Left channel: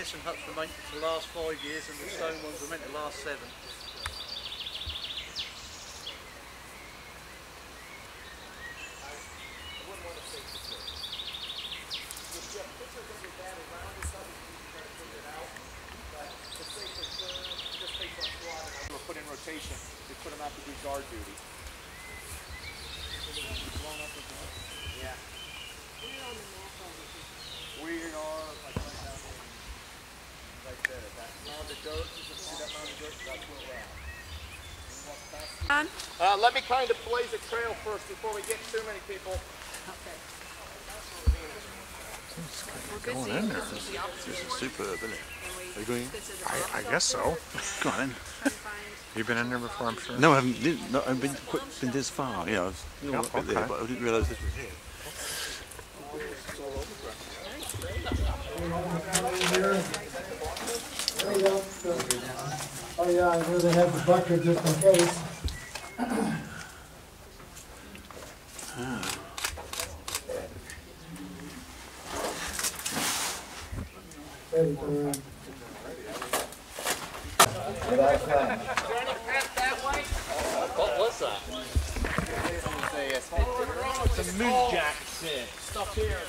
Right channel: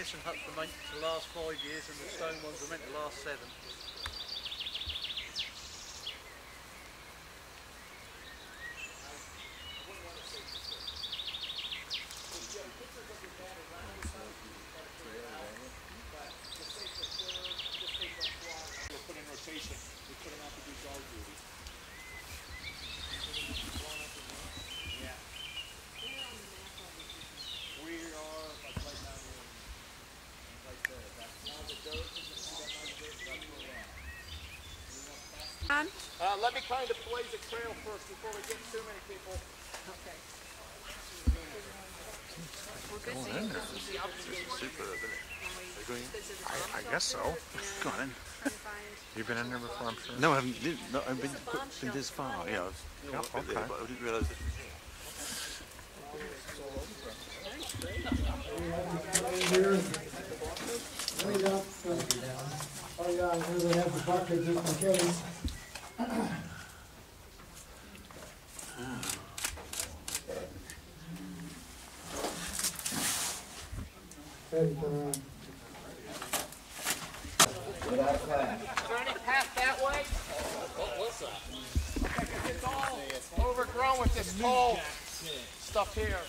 demolition huts were meant to last 5 years and the stone ones were meant to last 7. Put in rotation, they put them out to do guard duty. Yeah. We are like right down there, right there. That mound of dirt, you can see that mound of dirt, that's where we're at. Let me kind of blaze a trail first before we get too many people. Okay. It's going in there. This is superb, isn't it? Are you going in? I guess so. Go on in. You've been in there before, I'm sure? No, I haven't. No, I've been this far. Yeah, I've been a bit there, but I didn't realise this was here. Oh yeah, I knew they had the bucket just in case. What was that? It's a moon jack stuff here.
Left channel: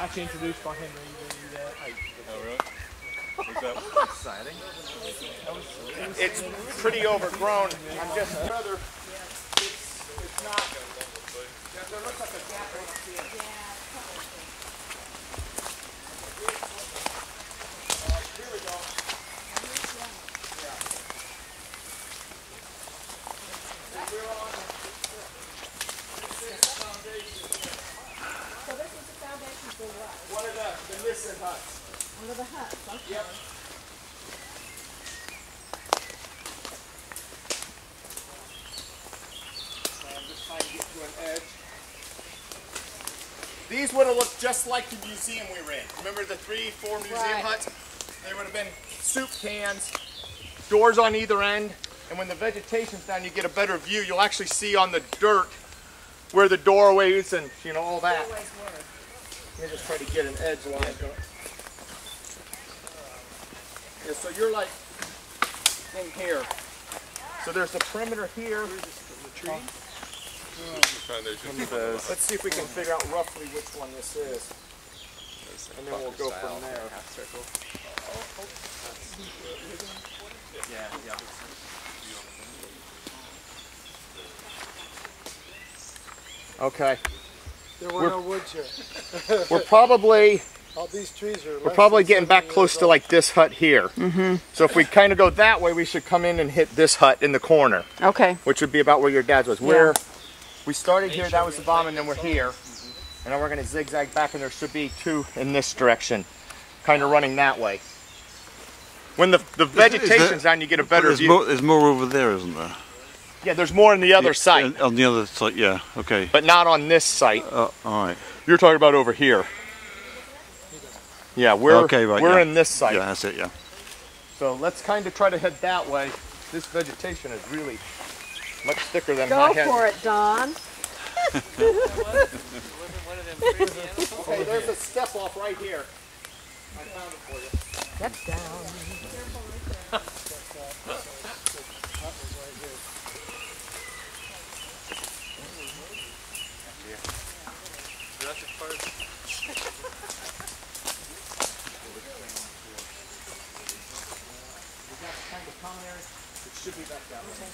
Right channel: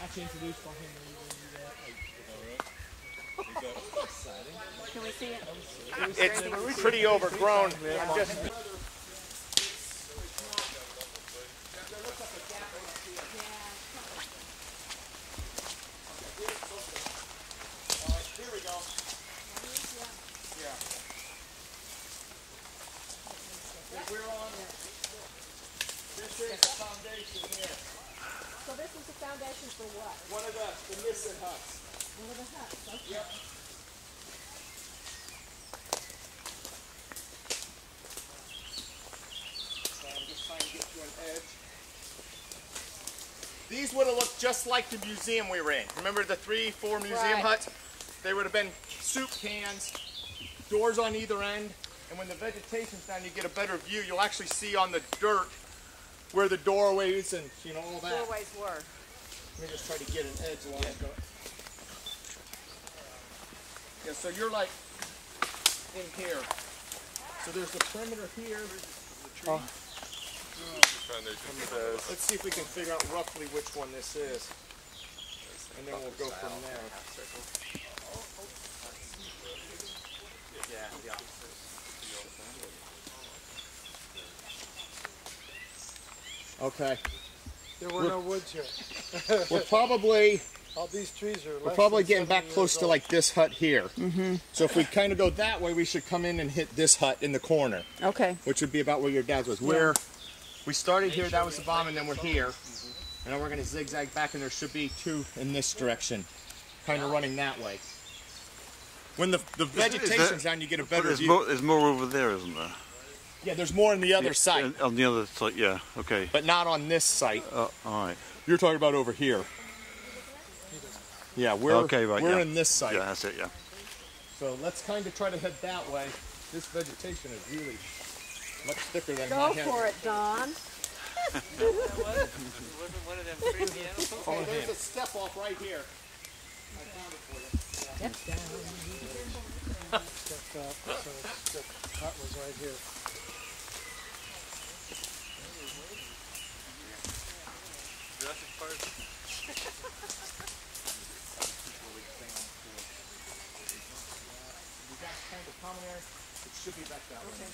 Actually introduced by Henry. Oh, really? Is that exciting? It's pretty overgrown. I'm just rather. It's not. There looks like a gap right here. Here we go. We're on this foundation. So this is the foundation for what? One of the missing huts. One of the huts, okay. Yep. So I'm just trying to get to an edge. These would have looked just like the museum we were in. Remember the 3-4 museum huts? They would have been soup cans, doors on either end, and when the vegetation's down, you get a better view. You'll actually see on the dirt where the doorways and all that. Doorways were. Let me just try to get an edge line going. Yeah, so you're like in here. So there's a perimeter here. Let's see if we can figure out roughly which one this is. And then we'll go from there. Yeah. Okay. There were no woods here. We're probably All these trees are. We're probably getting back close to like this hut here. So if we kind of go that way, we should come in and hit this hut in the corner. Okay. Which would be about where your dad's was. Where we started here, that was the bomb, and then we're here. And then we're going to zigzag back, and there should be 2 in this direction, kind of running that way. When the vegetation's down, you get a better view. There's more over there, isn't there? Yeah, there's more on the other site. On the other side, yeah, okay. But not on this site. All right. You're talking about over here. Yeah, we're in this site. Yeah, that's it, yeah. So let's kind of try to head that way. This vegetation is really much thicker than my head. Go for it, Don. Okay, there's a step off right here. I found it for you. Step down. It should be back down there.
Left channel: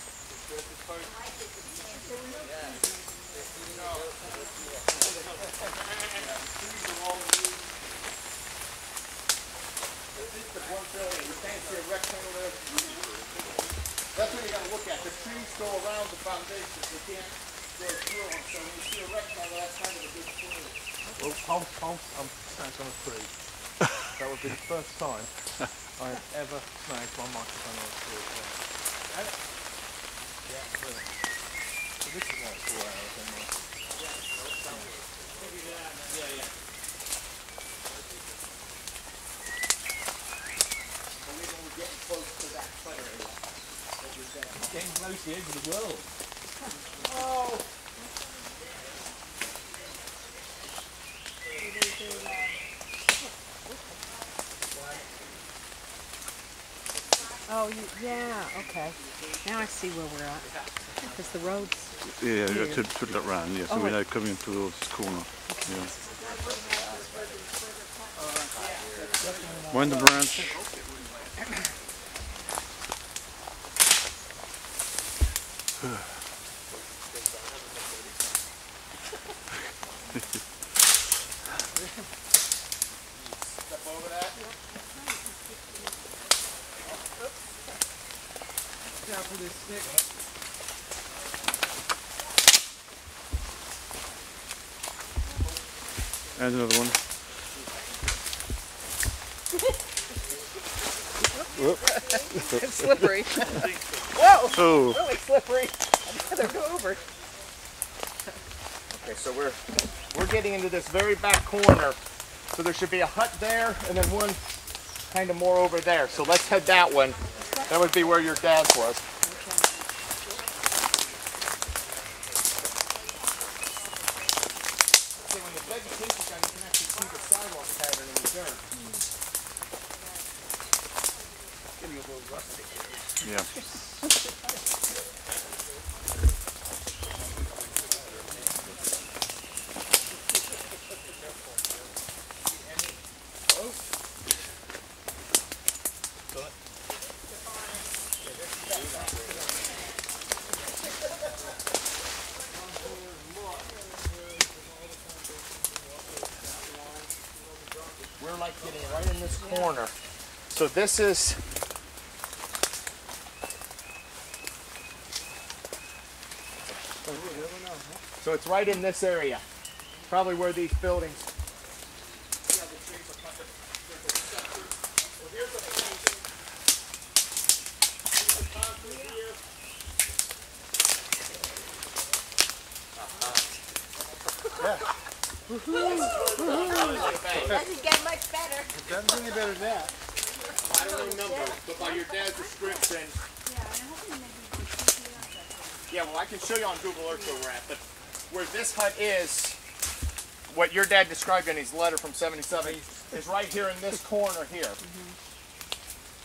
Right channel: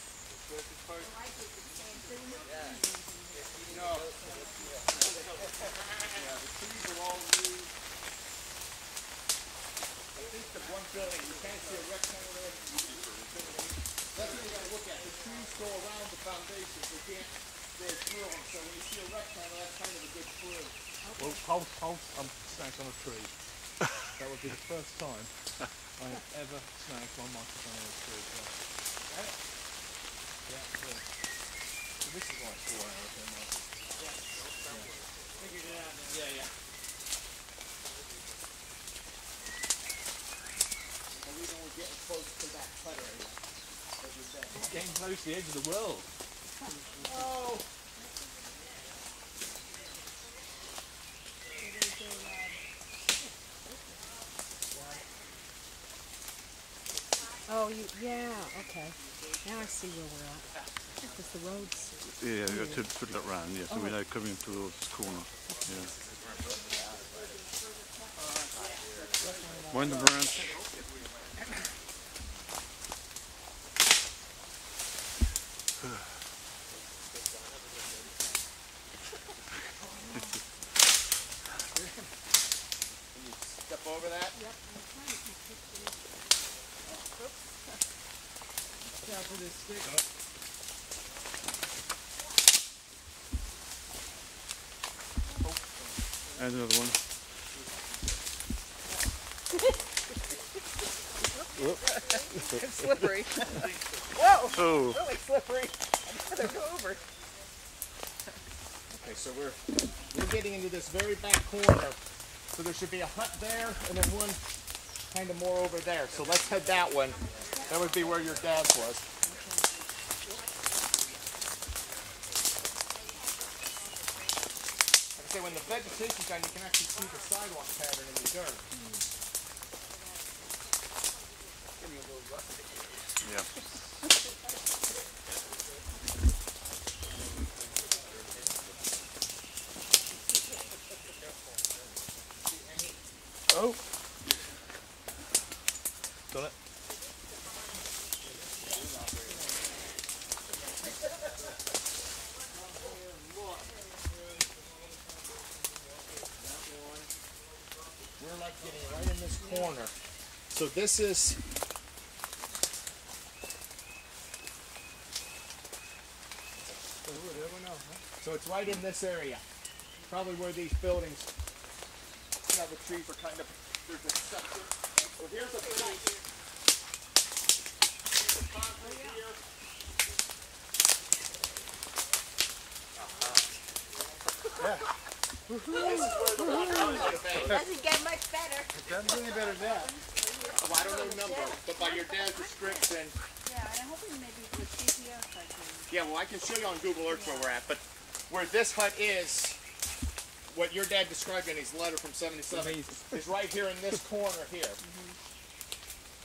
That's what you got to look at. The trees go around the foundation. They can't go through them. So when you see a rectangle, that's kind of a good tree. Well, I'm snagged on a tree. That would be the first time I have ever snagged my microphone on a tree. Yeah, really. So this is like 4 hours in my... Yeah. Only when we're getting close to that clutter area that you're saying. Getting close to the edge of the world. Oh! Oh, yeah, okay. Now I see where we're at. Because the road's... Yeah, you have to put that round, yeah, so we know coming towards this corner. Yeah. Wind the branch. Step over that. Careful this stick. And another one. It's slippery. Whoa! Oh, Really slippery. I'd rather go over. Okay, so we're getting into this very back corner. So there should be a hut there and then one kind of more over there. So let's head that one. That would be where your dad's was. Okay, when the vegetation's done, you can actually see the sidewalk pattern in the dirt. Getting a little rusty. yeah. We're like getting right in this corner. So this is so it's right in this area. Probably where these buildings. Doesn't get much better. It doesn't get any better than that. I don't know numbers, but by your dad's description. Yeah, well, I can show you on Google Earth where we're at, but where this hut is, what your dad described in his letter from '77, is right here in this corner here.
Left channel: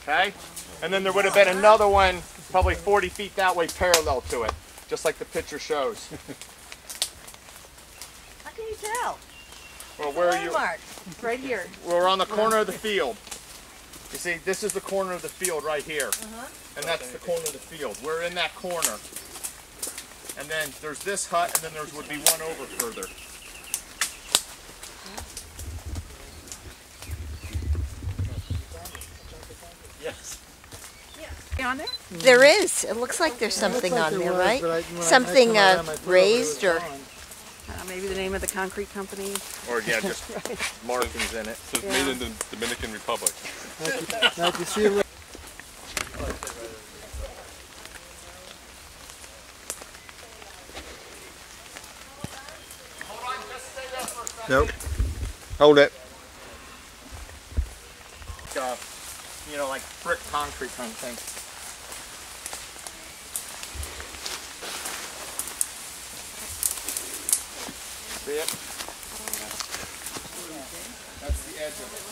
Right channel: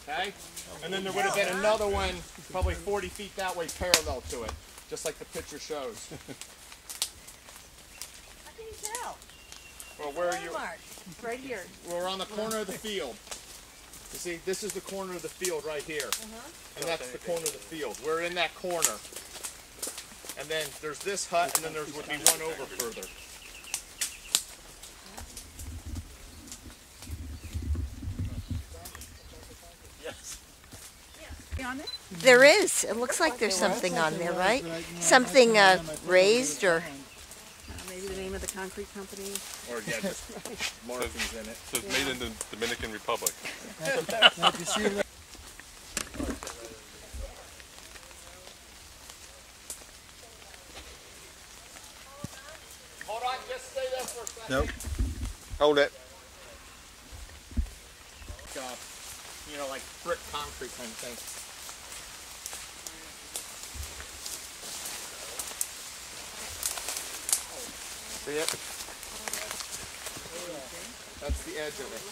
Okay? And then there would have been another one probably 40 feet that way parallel to it, just like the picture shows. How can you tell? Well, where are you? Landmark. Right here. We're on the corner of the field. You see, this is the corner of the field right here. And that's the corner of the field. We're in that corner. And then there's this hut, and then there would be one over further. Yes. On there? There is. It looks like there's something on there, right? Something raised or... Maybe the name of the concrete company. Or, yeah, just markings in it. So it's made in the Dominican Republic. Now if you see a little... Hold on, just stay there for a second. Nope. Hold it. You know, like brick concrete kind of thing. See it? That's the edge of it.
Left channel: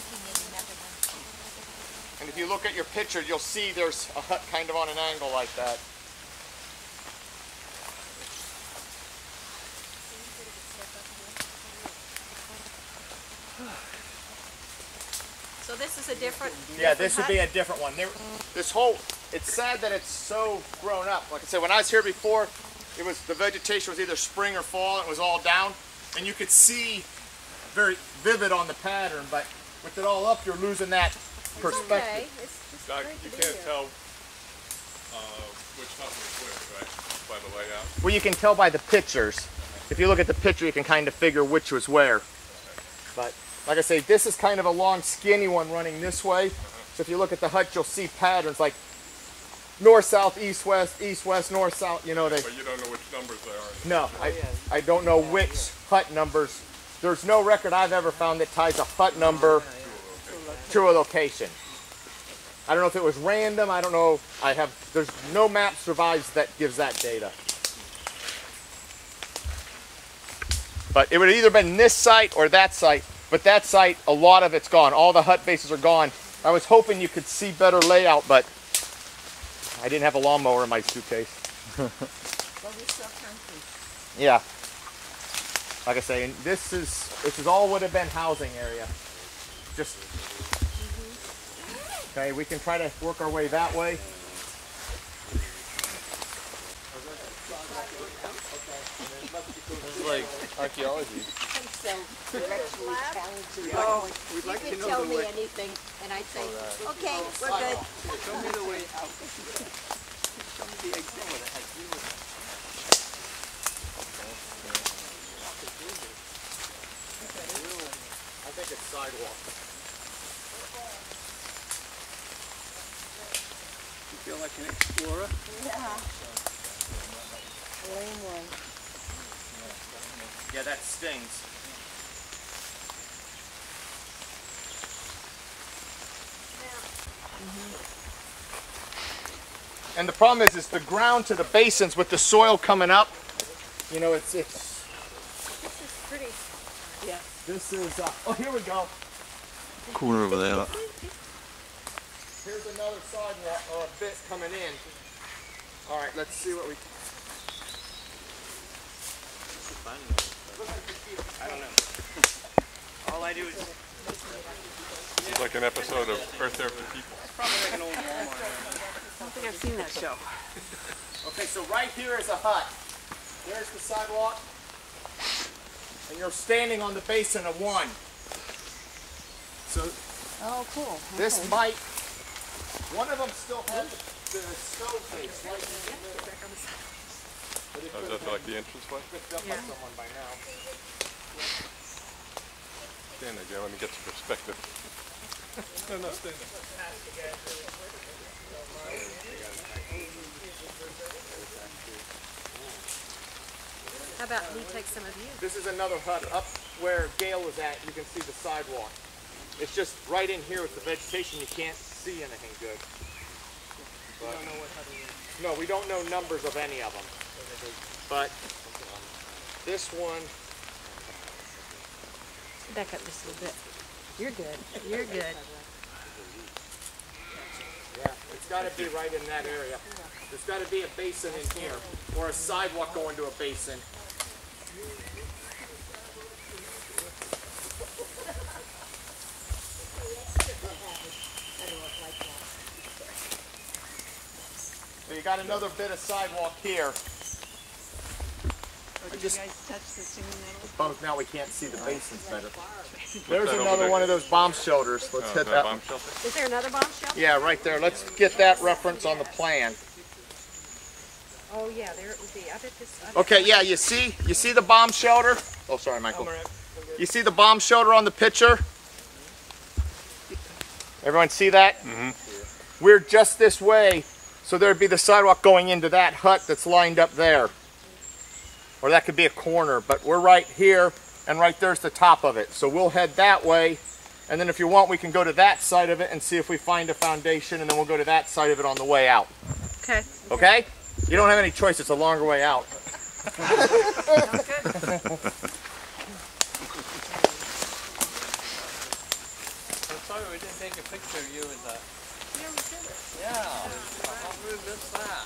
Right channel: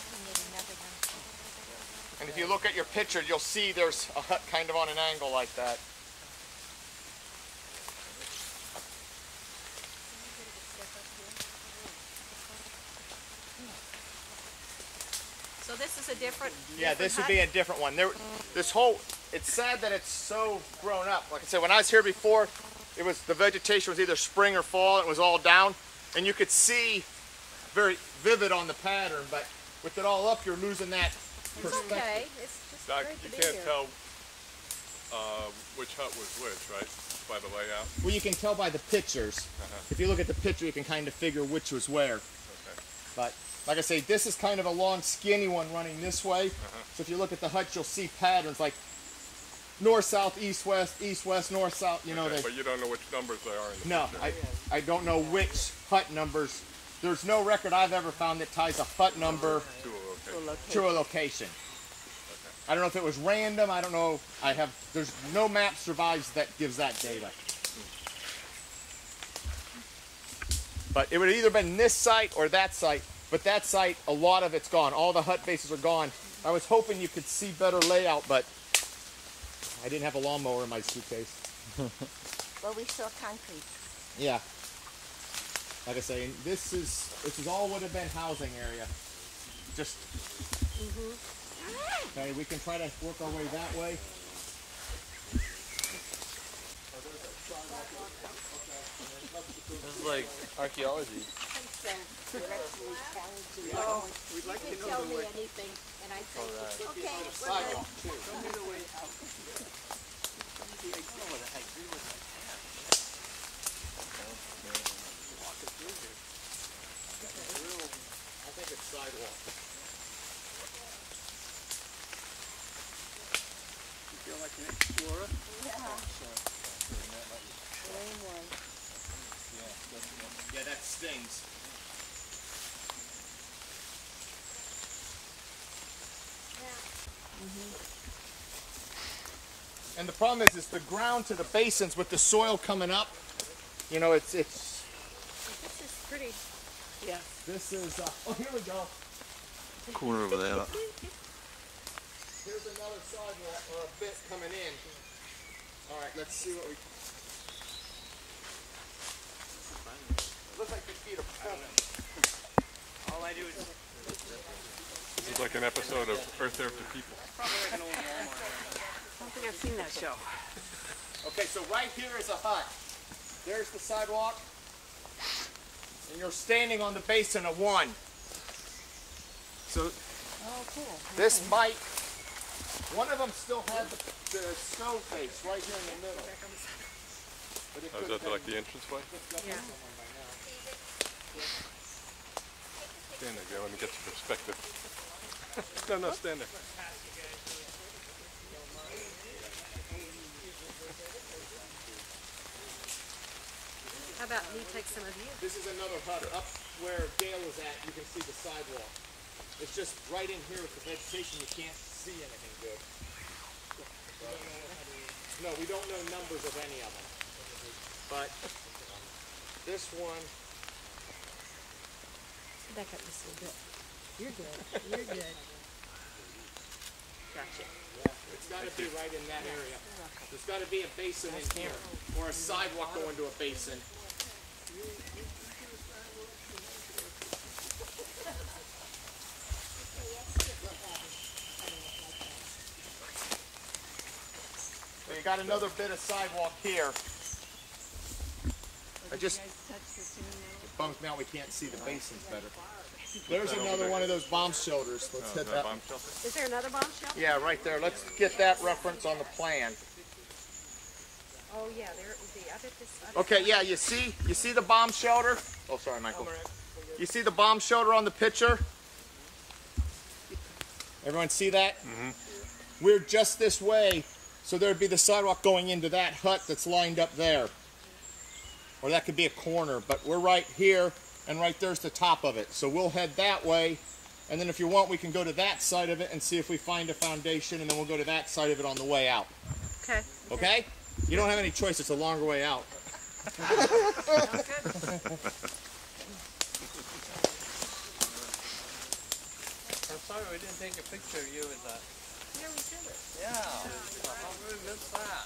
And if you look at your picture, you'll see there's a hut kind of on an angle like that. So this is a different... Yeah, this would be a different one. This whole, it's sad that it's so grown up. Like I said, when I was here before, it was, the vegetation was either spring or fall, and it was all down. And you could see very vivid on the pattern, but with it all up, you're losing that perspective. Okay. It's just Doc, great you to be can't here. tell which hut was which, right? By the layout. Well, you can tell by the pictures. If you look at the picture, you can kind of figure which was where. But like I say, this is kind of a long, skinny one running this way. So if you look at the hut, you'll see patterns like north, south, east, west, north, south. You know, But you don't know which numbers they are. No, I don't know which hut numbers. There's no record I've ever found that ties a hut number to a location. I don't know if it was random. I don't know. There's no map survives that gives that data. But it would have either been this site or that site. But that site, a lot of it's gone. All the hut bases are gone. I was hoping you could see better layout, but I didn't have a lawnmower in my suitcase. Yeah. Like I say, and this is all would have been housing area. Just okay. We can try to work our way that way. This is like archaeology. Oh, we'd like to know the way. Anything, and I'd say, okay, we're good. Show me the way out. Show me the example that has to do with it. I think it's sidewalk. You feel like an explorer? Yeah. Lame one. Yeah, that stings. And the problem is the ground to the basins with the soil coming up. You know, it's. This is pretty. Yeah. This is. Oh, here we go. Corner over there. Look. Here's another sidewalk or a bit coming in. All right, let's see what we. I don't know. All I do is It's like an episode of Earth After People. probably like an old Walmart. I don't think I've seen that show. Okay, so right here is a hut. There's the sidewalk. And you're standing on the basin of one. So Oh, cool. this might, one of them still has the stove face right in there. But it Oh, could is have that like the entrance way? been picked up by someone by now. Stand there, Joe, let me get some perspective. No, stand there. How about we take some of you? This is another hut up where Gail was at. You can see the sidewalk. It's just right in here with the vegetation. You can't see anything good. But, no, we don't know numbers of any of them. But this one, Back up just a little bit. You're good. You're good. yeah, it's got to be right in that area. There's got to be a basin in here or a sidewalk going to a basin. So you got another bit of sidewalk here. Did you guys touch the singing nettle? Both now we can't see the basins better. There's another one of those bomb shelters. Let's hit that. Bomb shelter? Is there another bomb shelter? Yeah, right there. Let's get that reference on the plan. Oh yeah, there it would be. I bet this. Okay, yeah, you see the bomb shelter? Oh, sorry, Michael. You see the bomb shelter on the picture? Everyone see that? Mm-hmm. We're just this way, so there'd be the sidewalk going into that hut that's lined up there. Or that could be a corner, but we're right here, and right there's the top of it. So we'll head that way, and then if you want, we can go to that side of it and see if we find a foundation, and then we'll go to that side of it on the way out. Okay. Okay? You don't have any choice, it's a longer way out. Sounds good. I'm sorry we didn't take a picture of you in that. Yeah, we did it. Yeah. How rude is that?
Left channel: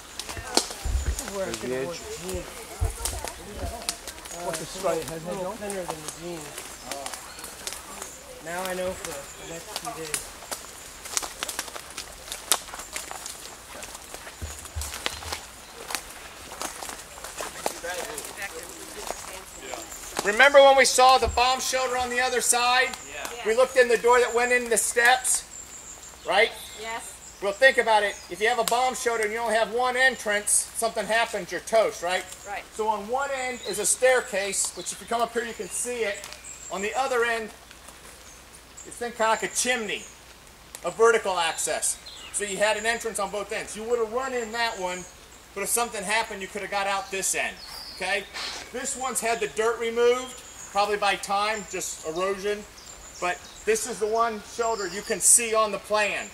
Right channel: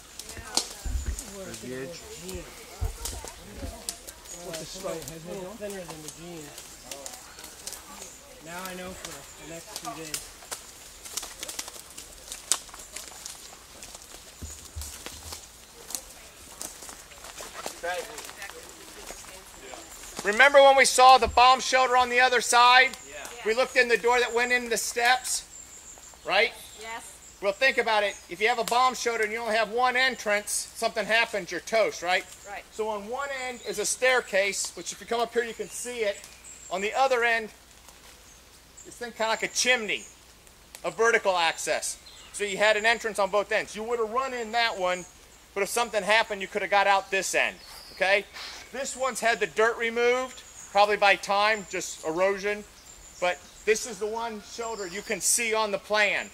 Where's the edge? What's the straight head? A little thinner than the jeans. Now I know for the next few days. Remember when we saw the bomb shelter on the other side? Yeah. We looked in the door that went in the steps, right? Yes. Well, think about it. If you have a bomb shelter and you only have one entrance, something happens, you're toast, right? Right. So on one end is a staircase, which if you come up here, you can see it. On the other end, it's then kind of like a chimney, a vertical access. So you had an entrance on both ends. You would have run in that one, but if something happened, you could have got out this end, okay? This one's had the dirt removed, probably by time, just erosion. But this is the one shelter you can see on the plan.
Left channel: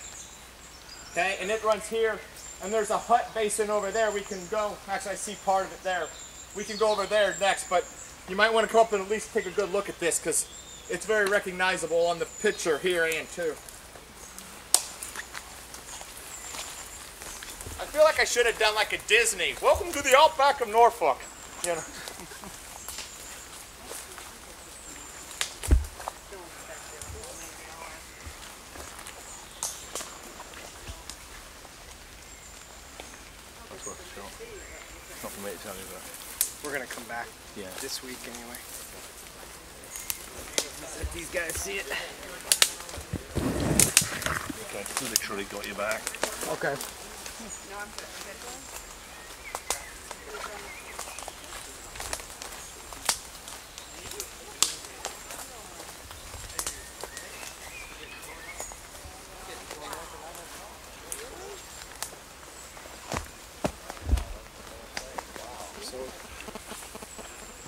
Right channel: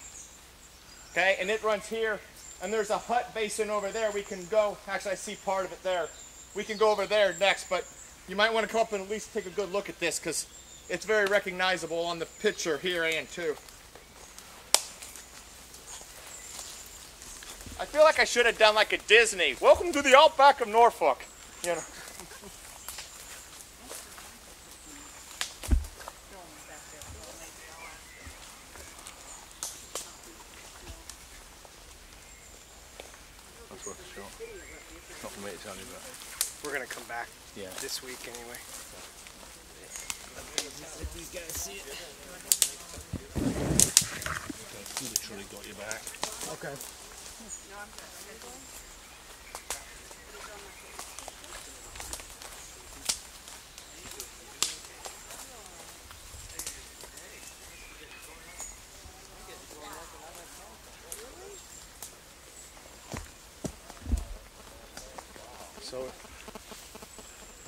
Okay, and it runs here, and there's a hut basin over there. We can go, actually I see part of it there. We can go over there next, but you might want to come up and at least take a good look at this because it's very recognizable on the picture here and too. I feel like I should have done like a Disney. Welcome to the outback of Norfolk. You know. That's worth a shot. It's not for me to tell you that. We're gonna come back this week anyway. Let these guys see it. Okay, literally got your back. Okay.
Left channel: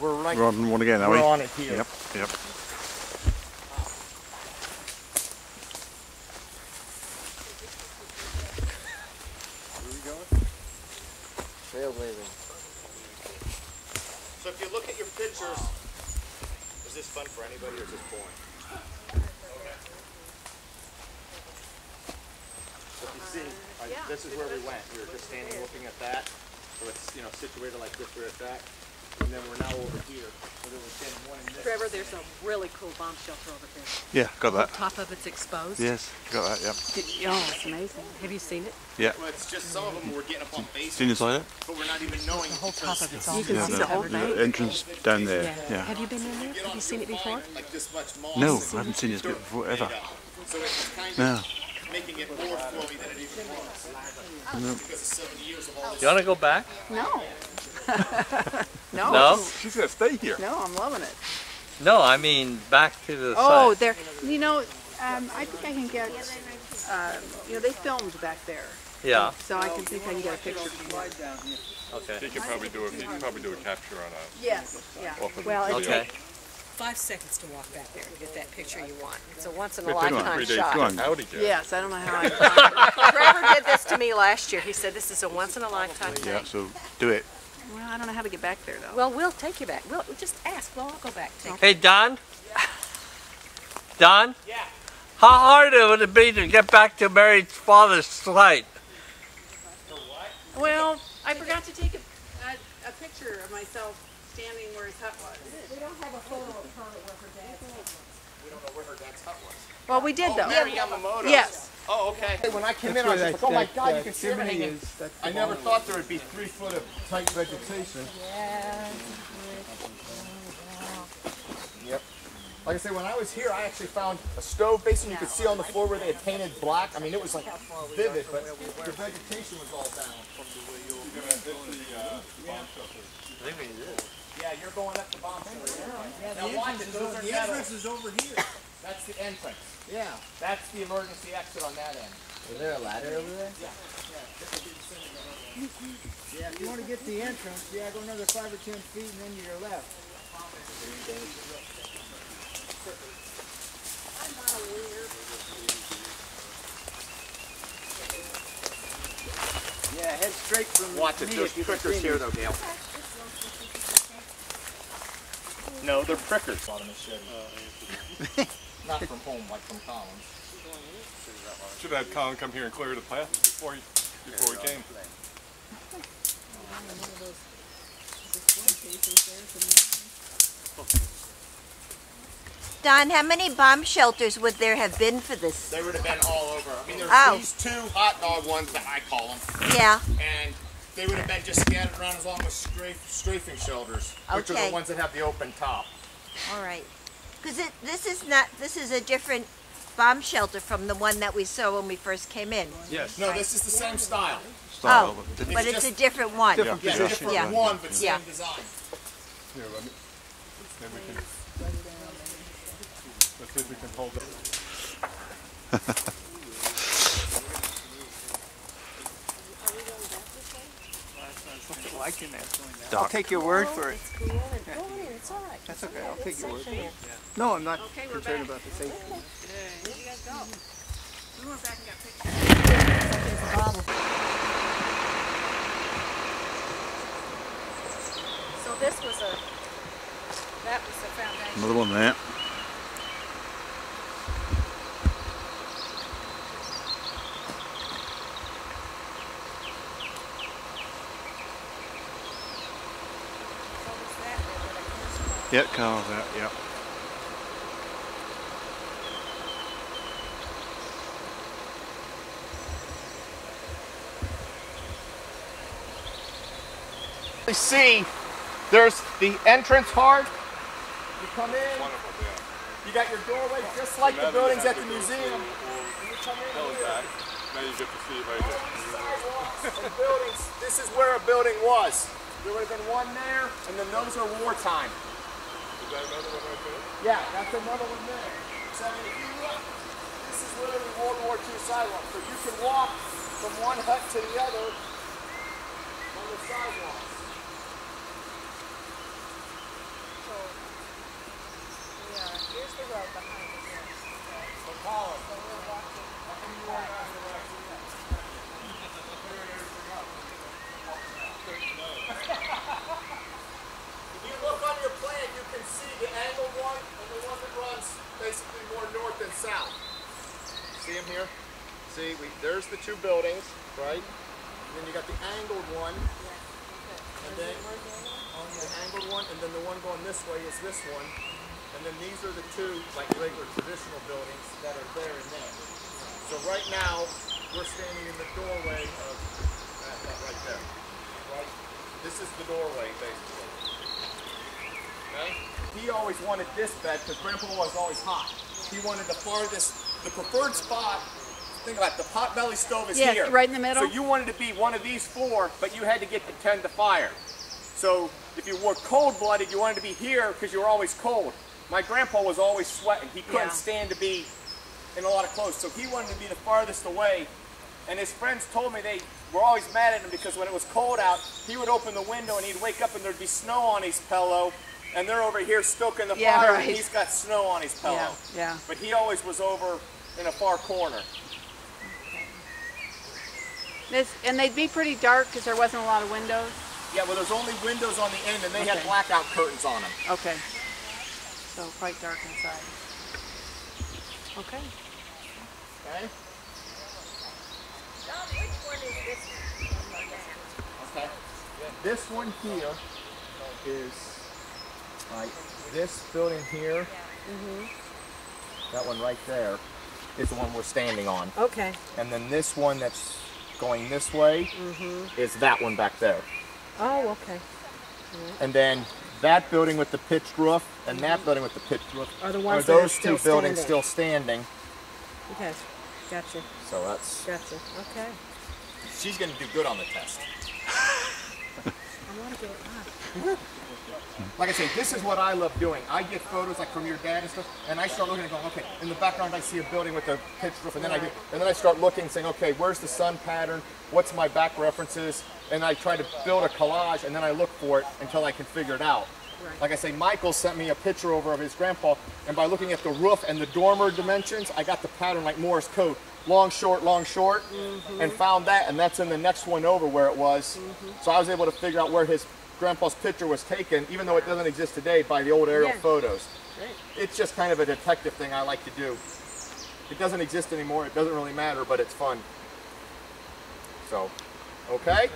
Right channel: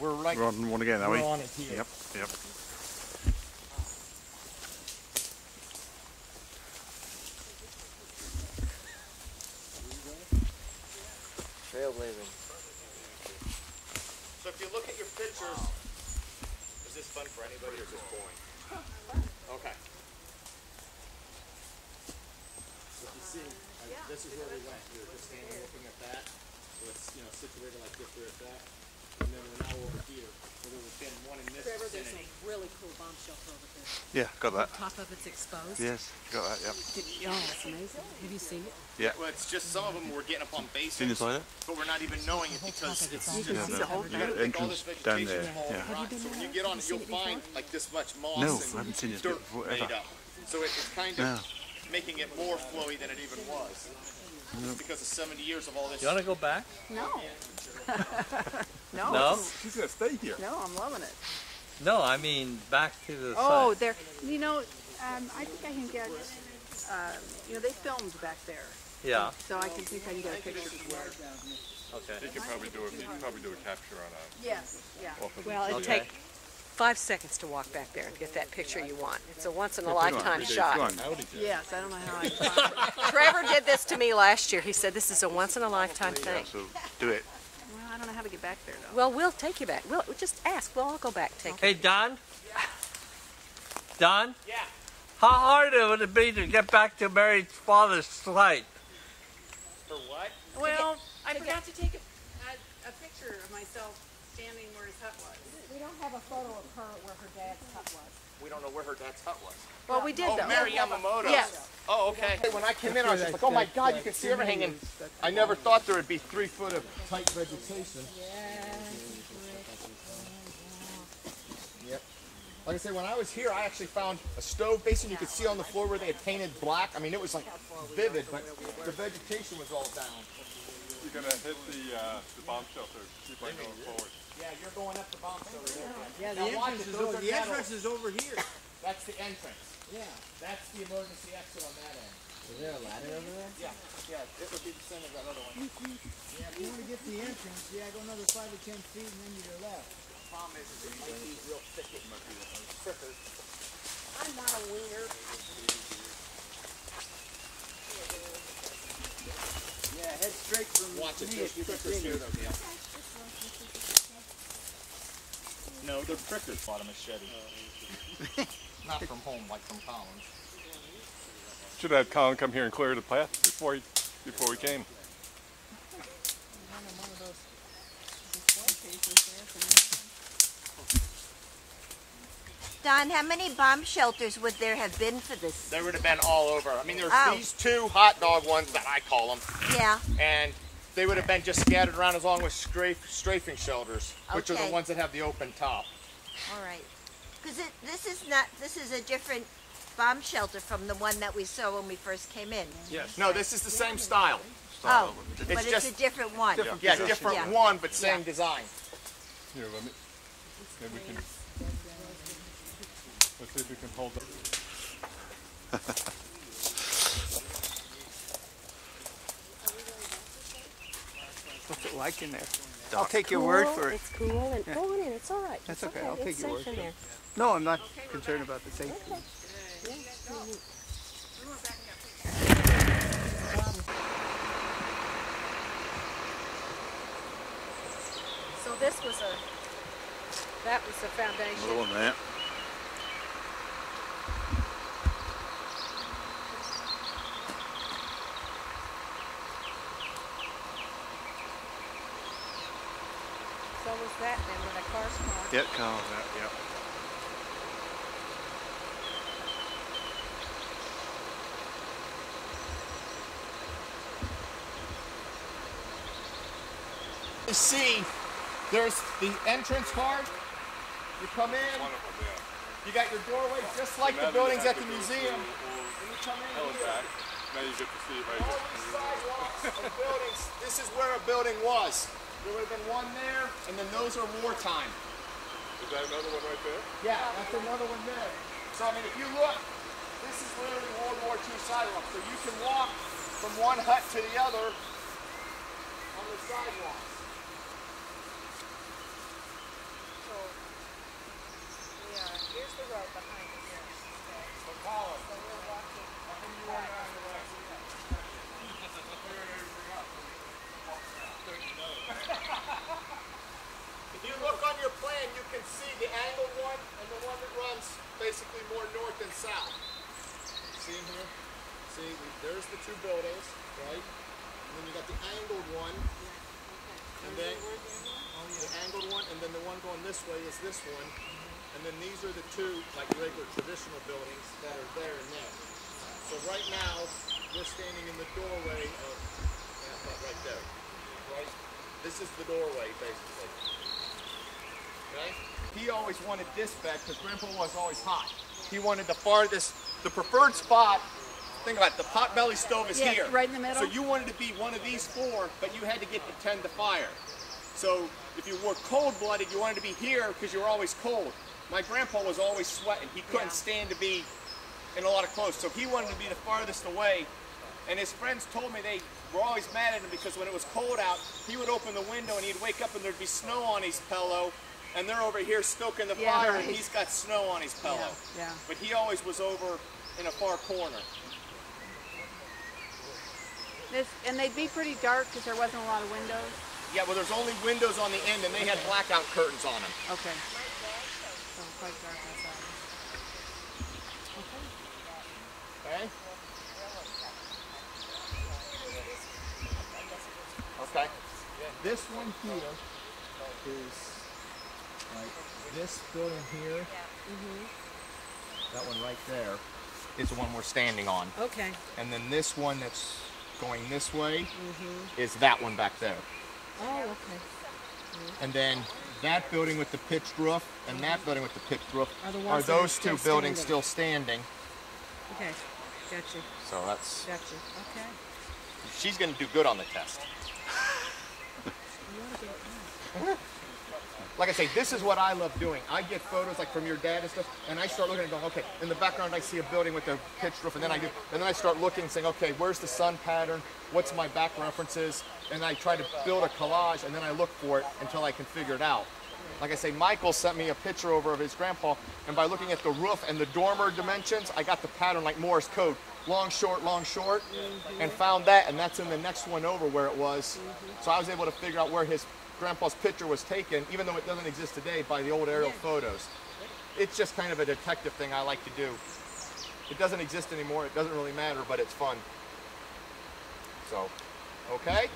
We're right. We're on one again, are we? We're on it here. Yep, yep. Trailblazing. So if you look at your pictures, is this fun for anybody or is this boring? So if you see, this is where we went. We were just standing looking at that. So it's, you know, situated like this, we're at that. And then we're now over here. So there was then one in this. Trevor, there's a really cool bomb shelter over there. Yeah, got that. Top of it's exposed. Yes, got that, yep. Oh, it's amazing. Have you seen it? Yeah. Well, it's just some of them were getting up on base. Seen inside it? But we're not even knowing The whole top of it's all Yeah, see the whole the thing. entrance down there. Yeah. Have you been in there? Have you seen it before? like this much moss. No, I haven't seen this bit before, ever. So it's kind No. of making it more flowy than it even was. Because of 70 years of all this. You want to go back? No. No. No? She's gonna stay here. No, I'm loving it. No, I mean back to the Oh, site. there. You know, I think I can get. You know, they filmed back there, Yeah. so I can think I can get a picture. Okay. He could probably do a capture on a. Yes. Yeah. Off of Well, the it video. Okay. 5 seconds to walk back there and get that picture you want. It's a once in a It takes lifetime 3 days shot. to get Howdy, Jeff. Yes, I don't know how I. Trevor did this to me last year. He said this is a once in a lifetime thing. Yeah, so do it. Well, I don't know how to get back there though. Well, we'll take you back. We'll just ask. We'll all go back. Hey, Don? Don? Yeah. How hard would it be to get back to Mary's father's site? Well, I forgot to take a picture of myself standing where his hut was. We don't know where her dad's hut was. Well, we did though. Mary Yamamoto. Yes. Oh, okay. When I came in, I was like, oh my God, you can see everything. I never thought there would be 3 foot of tight vegetation. Yep. Like I say, when I was here, I actually found a stove basin you could see on the floor where they had painted black. I mean, it was like vivid, but the vegetation was all down. Yeah, you're going up the bomb shelter. Yeah, now watch it. Those are the entrance is over here. That's the entrance. Yeah. That's the emergency exit on that end. Is there a ladder over there? Yeah. Yeah, if you want to get to the entrance, go another 5 or 10 feet and then to your left. Yeah, head straight from Watch it. There's prickers here, though, Gail. No, they're prickers. On a machete. Not from home, like from Collins. Should have had Colin come here and clear the path before he came. Don, how many bomb shelters would there have been for this? They would have been all over. I mean, there's Oh. these 2 hot dog ones that I call them. Yeah. And they would have been just scattered around as long as strafing shelters, which are Okay. the ones that have the open top. All right. Because this is a different bomb shelter from the one that we saw when we first came in. Yes. No, this is the same style. Oh, Different- but it's a different one. Yeah, different Yeah. one, but same Yeah. design. Here, let me. Then we can. Let's see if we can hold it. Liking that. Dark. I'll take your word for it. Go in, it's all right. That's okay. I'll take your word for Safe it. No, I'm not Okay, we're concerned back. about the safety. Where'd you guys go? We went back and got pictures. So this was that was the foundation. Another one there. Yeah, cars out, yeah. You see, there's the entrance hard. You come in, you got your doorway just like the buildings at the museum. And you come in here. Now you get to see it right here. Sidewalks and buildings. This is where a building was. There would have been one there, and then those are wartime. Is that another one right there? Yeah, that's another one there. So I mean, if you look, this is literally World War II sidewalk. So you can walk from one hut to the other on the sidewalks. So, yeah, here's the road behind us. Yes. So Colin, So we're walking. if you look on your plan, you can see the angled one and the one that runs basically more north than south. See them here? See, there's the two buildings, right? And then you got the angled one, and then the angled one, and then the one going this way is this one. And then these are the two, like regular traditional buildings that are there and there. So right now, we're standing in the doorway of that right there. Right? This is the doorway, basically. Okay? He always wanted this bed because Grandpa was always hot. He wanted the farthest, the preferred spot. Think about it, the potbelly stove is here. Yeah, right in the middle. So you wanted to be one of these four, but you had to get to tend the fire. So if you were cold-blooded, you wanted to be here because you were always cold. My grandpa was always sweating. He couldn't stand to be in a lot of clothes, so he wanted to be the farthest away. And his friends told me they were always mad at him because when it was cold out, he would open the window and he'd wake up and there'd be snow on his pillow, and they're over here stoking the fire, and he's got snow on his pillow. Yeah. But he always was over in a far corner. And they'd be pretty dark because there wasn't a lot of windows. Yeah, well, there's only windows on the end, and they had blackout curtains on them. Okay. So quite dark inside. Okay. Okay. Don, which one is this one? Okay. This one here is like this building here. That one right there is the one we're standing on. Okay. And then this one that's going this way is that one back there. Oh, okay. And then that building with the pitched roof and that building with the pitched roof Are the ones are that are those still two buildings standing. still standing. Okay. Gotcha. So that's. Gotcha. Okay. She's going to do good on the test. I want to get it up. Like I say, this is what I love doing. I get photos like from your dad and stuff, and I start looking and going, okay, in the background I see a building with a pitched roof, and then I start looking and saying, okay, where's the sun pattern? What's my back references? And I try to build a collage, and then I look for it until I can figure it out. Right. Like I say, Michael sent me a picture over of his grandpa, and by looking at the roof and the dormer dimensions, I got the pattern like Morse code, long, short, and found that, and that's in the next one over where it was. So I was able to figure out where his grandpa's picture was taken, even though it doesn't exist today, by the old aerial photos. Great. It's just kind of a detective thing I like to do. It doesn't exist anymore, it doesn't really matter, but it's fun. So, okay?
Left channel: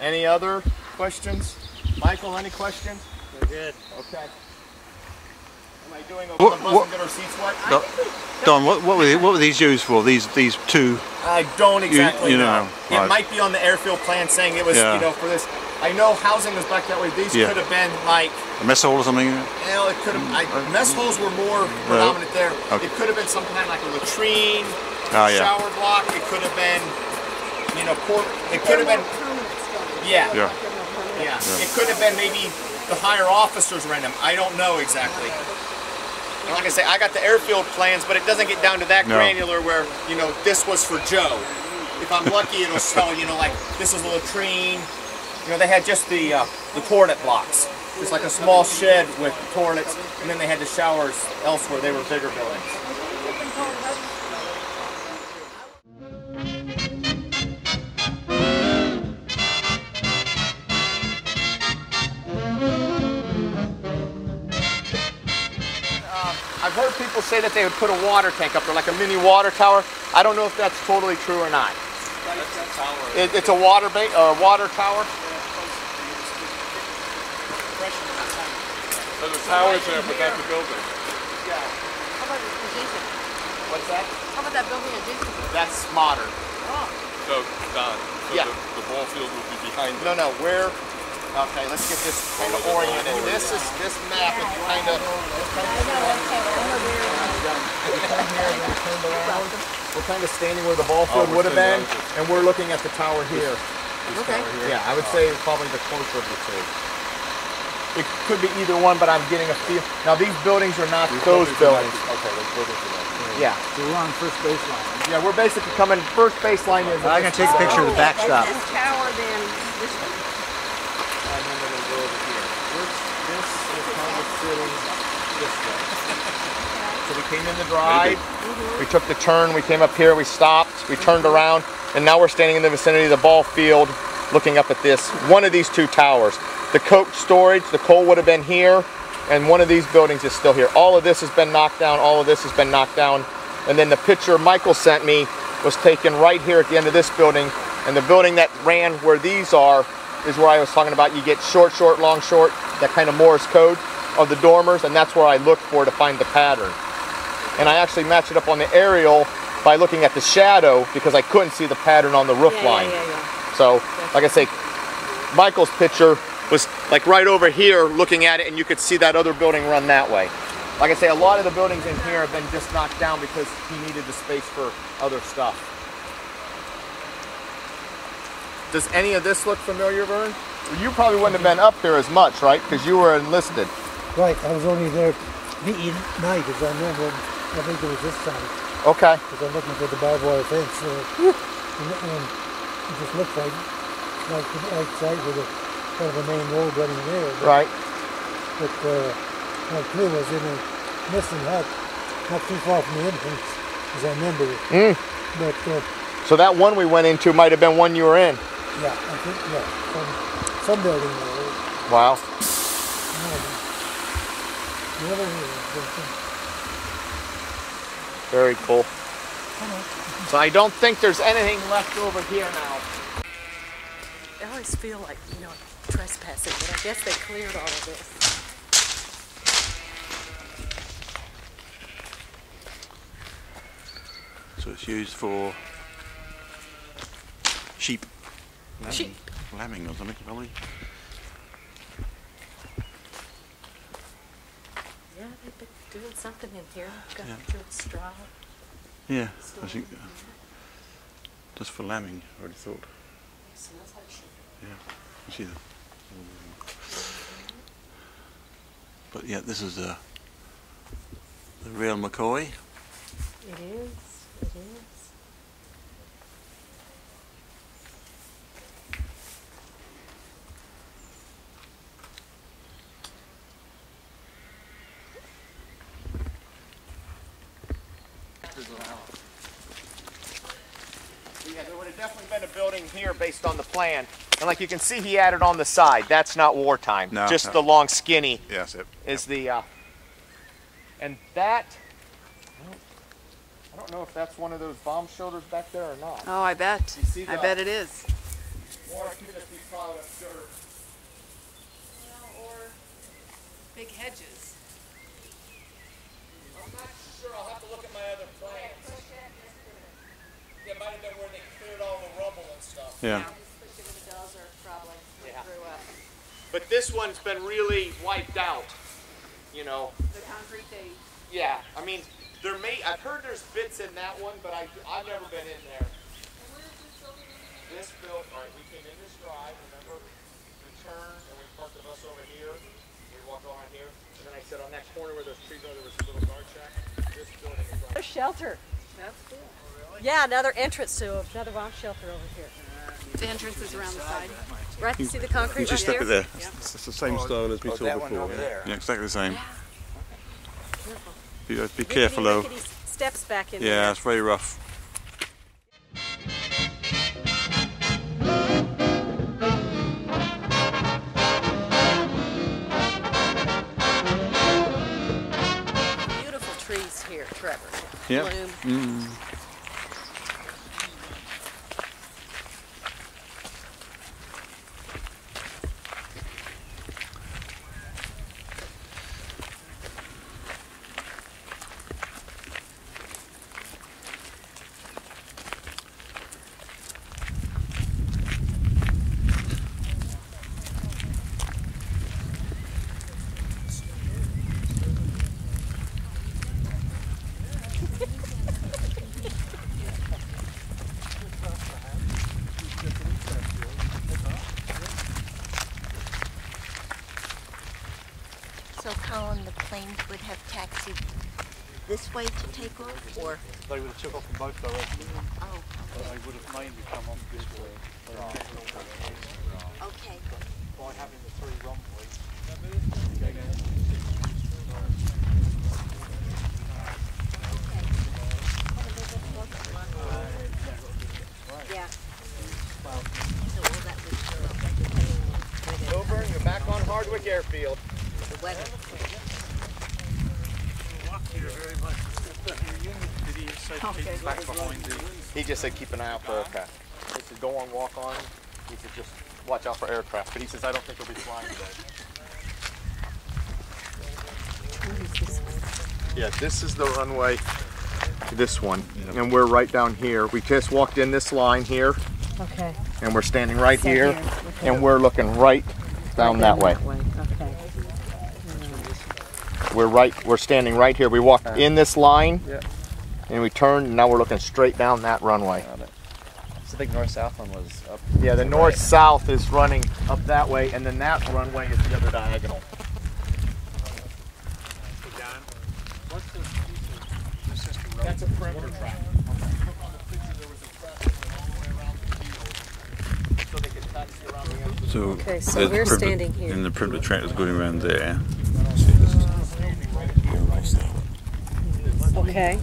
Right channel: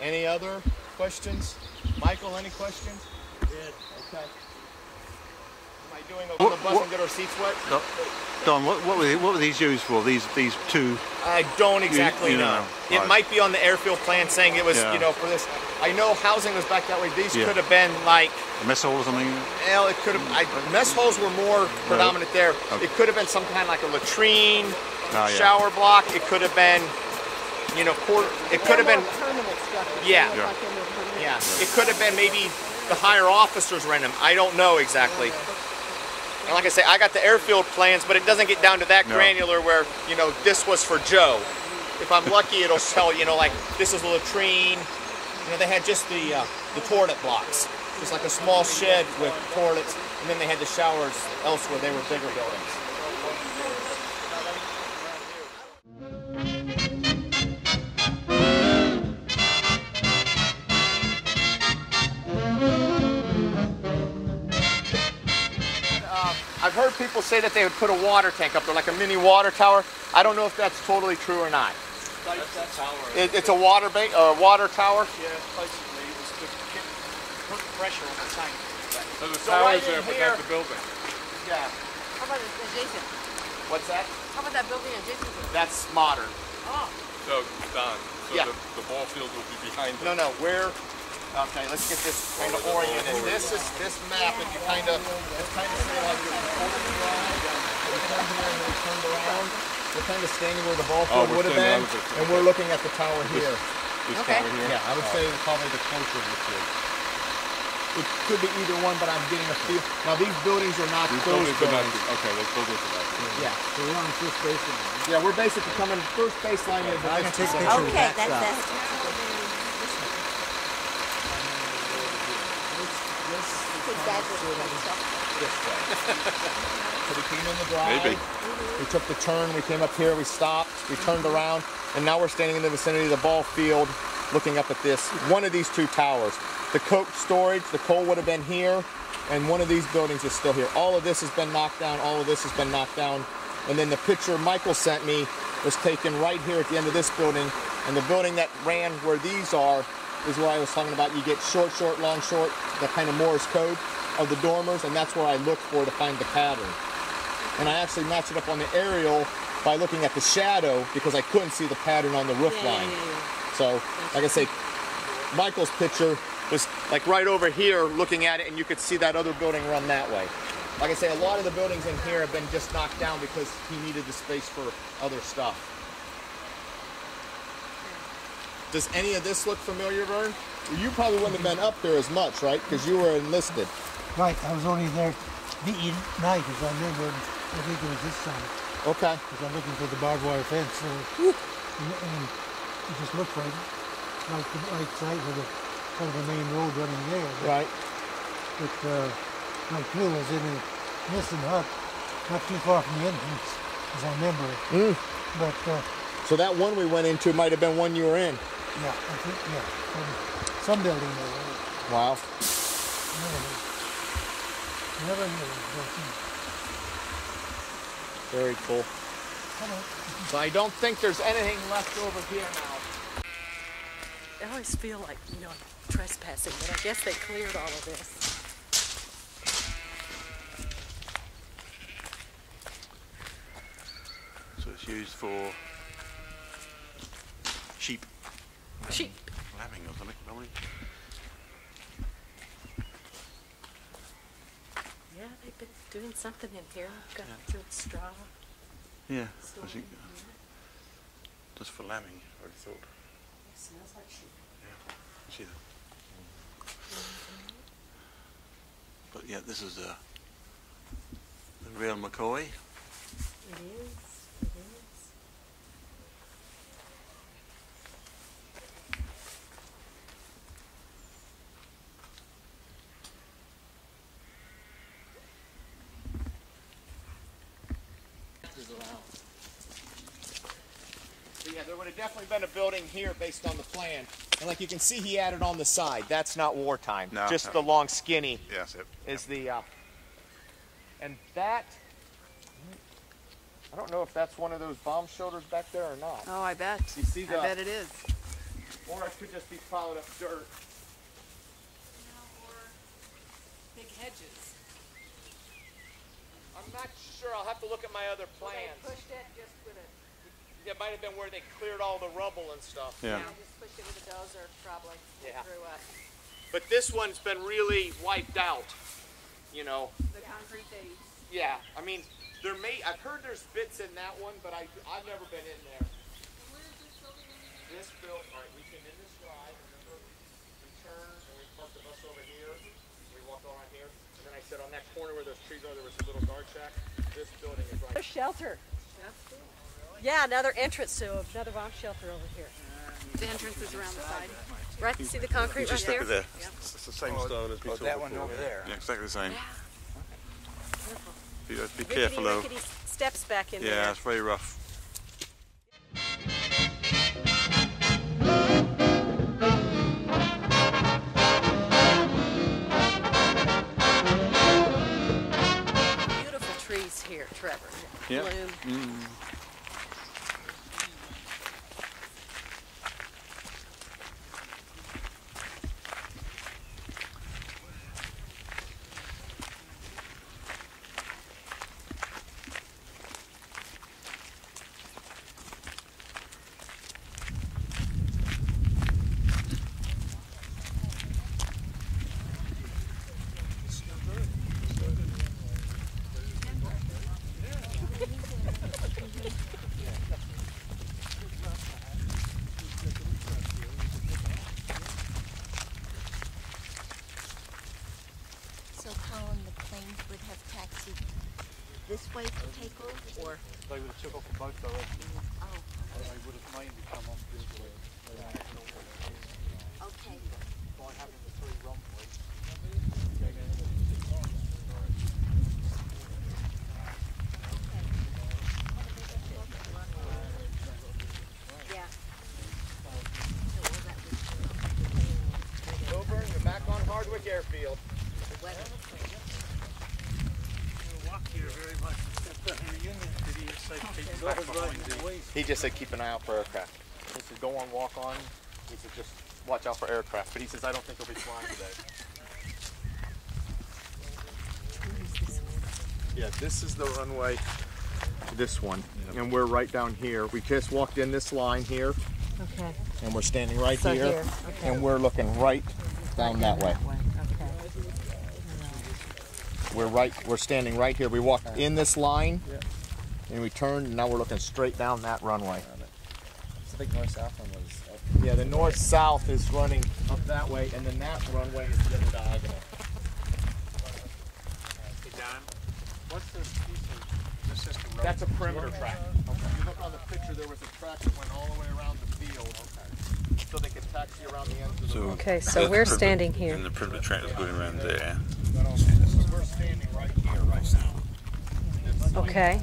Any other questions? Michael, any questions? We're good. Okay. Am I doing a bus and get our seats wet? Don, what were these used for? These two? I don't exactly you know. It Right. might be on the airfield plan saying it was, you know, for this. I know housing was back that way. These could have been like A mess hall or something? well, it could have. Mess holes were more predominant there. Okay. It could have been some kind of like a latrine, Oh, yeah. shower block. It could have been, you know, it could have been. Yeah. Yeah. Yeah. It could have been maybe the higher officers rent them. I don't know exactly. And like I say, I got the airfield plans, but it doesn't get down to that granular where, you know, this was for Joe. If I'm lucky, it'll tell, you know, like this is a latrine. You know, they had just the toilet blocks. Just like a small shed with toilets, and then they had the showers elsewhere. They were bigger buildings. I've heard people say that they would put a water tank up there, like a mini water tower. I don't know if that's totally true or not. It's a water tower. So the tower's there, but not the building. Yeah. How about adjacent? What's that? How about that building adjacent? That's modern. Oh. So, Don, so Yeah. the ball field would be behind No, no, we're, okay, let's get this kind of oriented. This map is kind of, we're kind of standing where the ball field would have been, and we're looking at the tower here. Okay. Yeah, I would say probably the closer of the two. It could be either one, but I'm getting a feel. Now these buildings are not those buildings. Okay, those buildings are not. Yeah. So we're on first baseline. Yeah, we're basically coming, first baseline is. I'm going to take a picture of the backstop. This tower, then this one. And then we're going to go over here. This is kind of sitting this way. So we came in the drive, we took the turn, we came up here, we stopped, we turned around, and now we're standing in the vicinity of the ball field looking up at this, one of these two towers. The coach storage, the coal would have been here, and one of these buildings is still here. All of this has been knocked down, all of this has been knocked down. And then the picture Michael sent me was taken right here at the end of this building, and the building that ran where these are is where I was talking about. You get short, short, long, short, that kind of Morse code of the dormers, and that's where I looked for to find the pattern. And I actually matched it up on the aerial by looking at the shadow because I couldn't see the pattern on the roof line. So, like I say, Michael's picture was like right over here looking at it, and you could see that other building run that way. Like I say, a lot of the buildings in here have been just knocked down because he needed the space for other stuff. Does any of this look familiar, Vern? You probably wouldn't have been up there as much, right? Because you were enlisted. Right, I was only there meeting night, as I remember. I think it was this time. Okay. Because I'm looking for the barbed wire fence. And it just looked like the outside with a kind of a main road running there. But, right. But my clue was in a missing hut, not too far from the entrance, as I remember it. But so that one we went into might have been one you were in. Yeah, I think, yeah, some building there. Wow. Very cool. So I don't think there's anything left over here now. I always feel like, trespassing, but I guess they cleared all of this. So it's used for sheep. Lambing or something, probably. Yeah, they've been doing something in here. Got through straw. Yeah, I think just for lambing, I already thought. Yeah, you see them. But yeah, this is the real McCoy. It is. It is. Yeah, there would have definitely been a building here based on the plan. And like you can see, he added on the side. That's not wartime. No, just the long skinny. Yes, it is the. And that. I don't know if that's one of those bomb shelters back there or not. Oh, I bet. You see I bet it is. Or it could just be piled up dirt. Or big hedges. I'm not sure. I'll have to look at my other plans. It might have been where they cleared all the rubble and stuff. Yeah. But this one's been really wiped out. The concrete they. Yeah, I mean, I've heard there's bits in that one, but I've never been in there. This built, all right, we came in this drive, remember? We turned and we parked the bus over here. We walked around here. And then I said on that corner where those trees are, there was a little guard shack. This building is right. A shelter. That's cool. Yeah, another entrance to another bomb shelter over here. The entrance is around the side. Right, see the concrete You just right step there? it there. It's the same style as we saw that one before. over there. Yeah, exactly the same. Yeah. Be careful though. Steps back in there. Yeah, it's very rough. Beautiful trees here, Trevor. Yeah. Bloom. on the planes would have taxied this way to take off, or? They would have took off in both directions. Oh, But they would have mainly come off this way. okay. By having the 3 runways. Yeah. Over, and you're back on Hardwick Airfield. The weather. He just said keep an eye out for aircraft. He said go on, walk on. He said just watch out for aircraft. But he says I don't think he'll be flying today. Yeah, this is the runway. This one, and we're right down here. We just walked in this line here. Okay. And we're standing right here, and we're looking right down that way. Okay. We're standing right here. We walked in this line, and we turned, and now we're looking straight down that runway. So the big north-south one was up. Yeah, the north-south is running up that way, and then that runway is the other diagonal. That's a perimeter track. So, Okay, so we're standing here. And the perimeter track is going around there. Okay.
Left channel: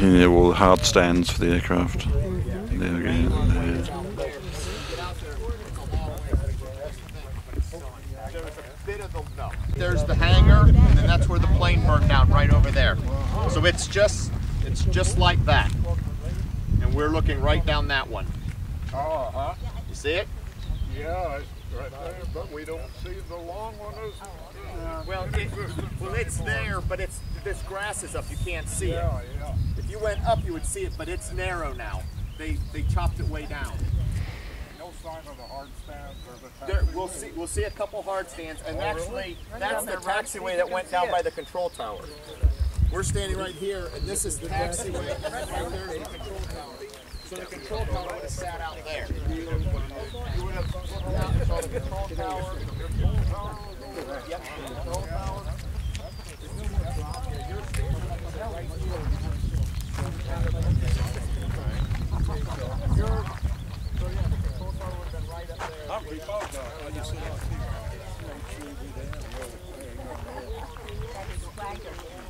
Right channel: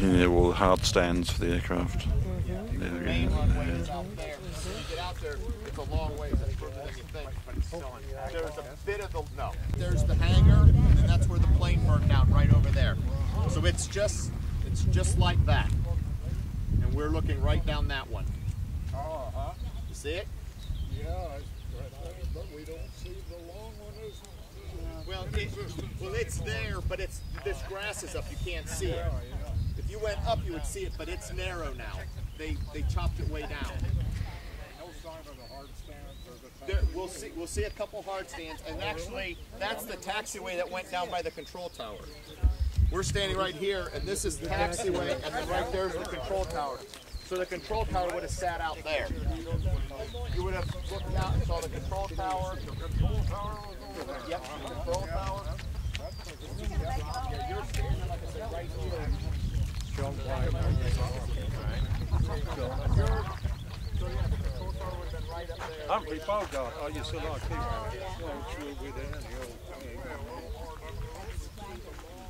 And there are all the hard stands for the aircraft. There again. There's the hangar, and then that's where the plane burned down, right over there. So it's just like that. And we're looking right down that one. Uh-huh. You see it? Yeah, it's right there, but we don't see the long one. Well, it's there, but this grass is up. You can't see it. Yeah. If you went up, you would see it, but it's narrow now. They chopped it way down. No sign of the hard stands or the taxi. We'll see a couple hard stands, and actually that's the taxiway that went down by the control tower. We're standing right here, and this is the taxiway, and then right there is the control tower. So the control tower would have sat out there. You would have looked out and saw the control tower. Yep, the control tower.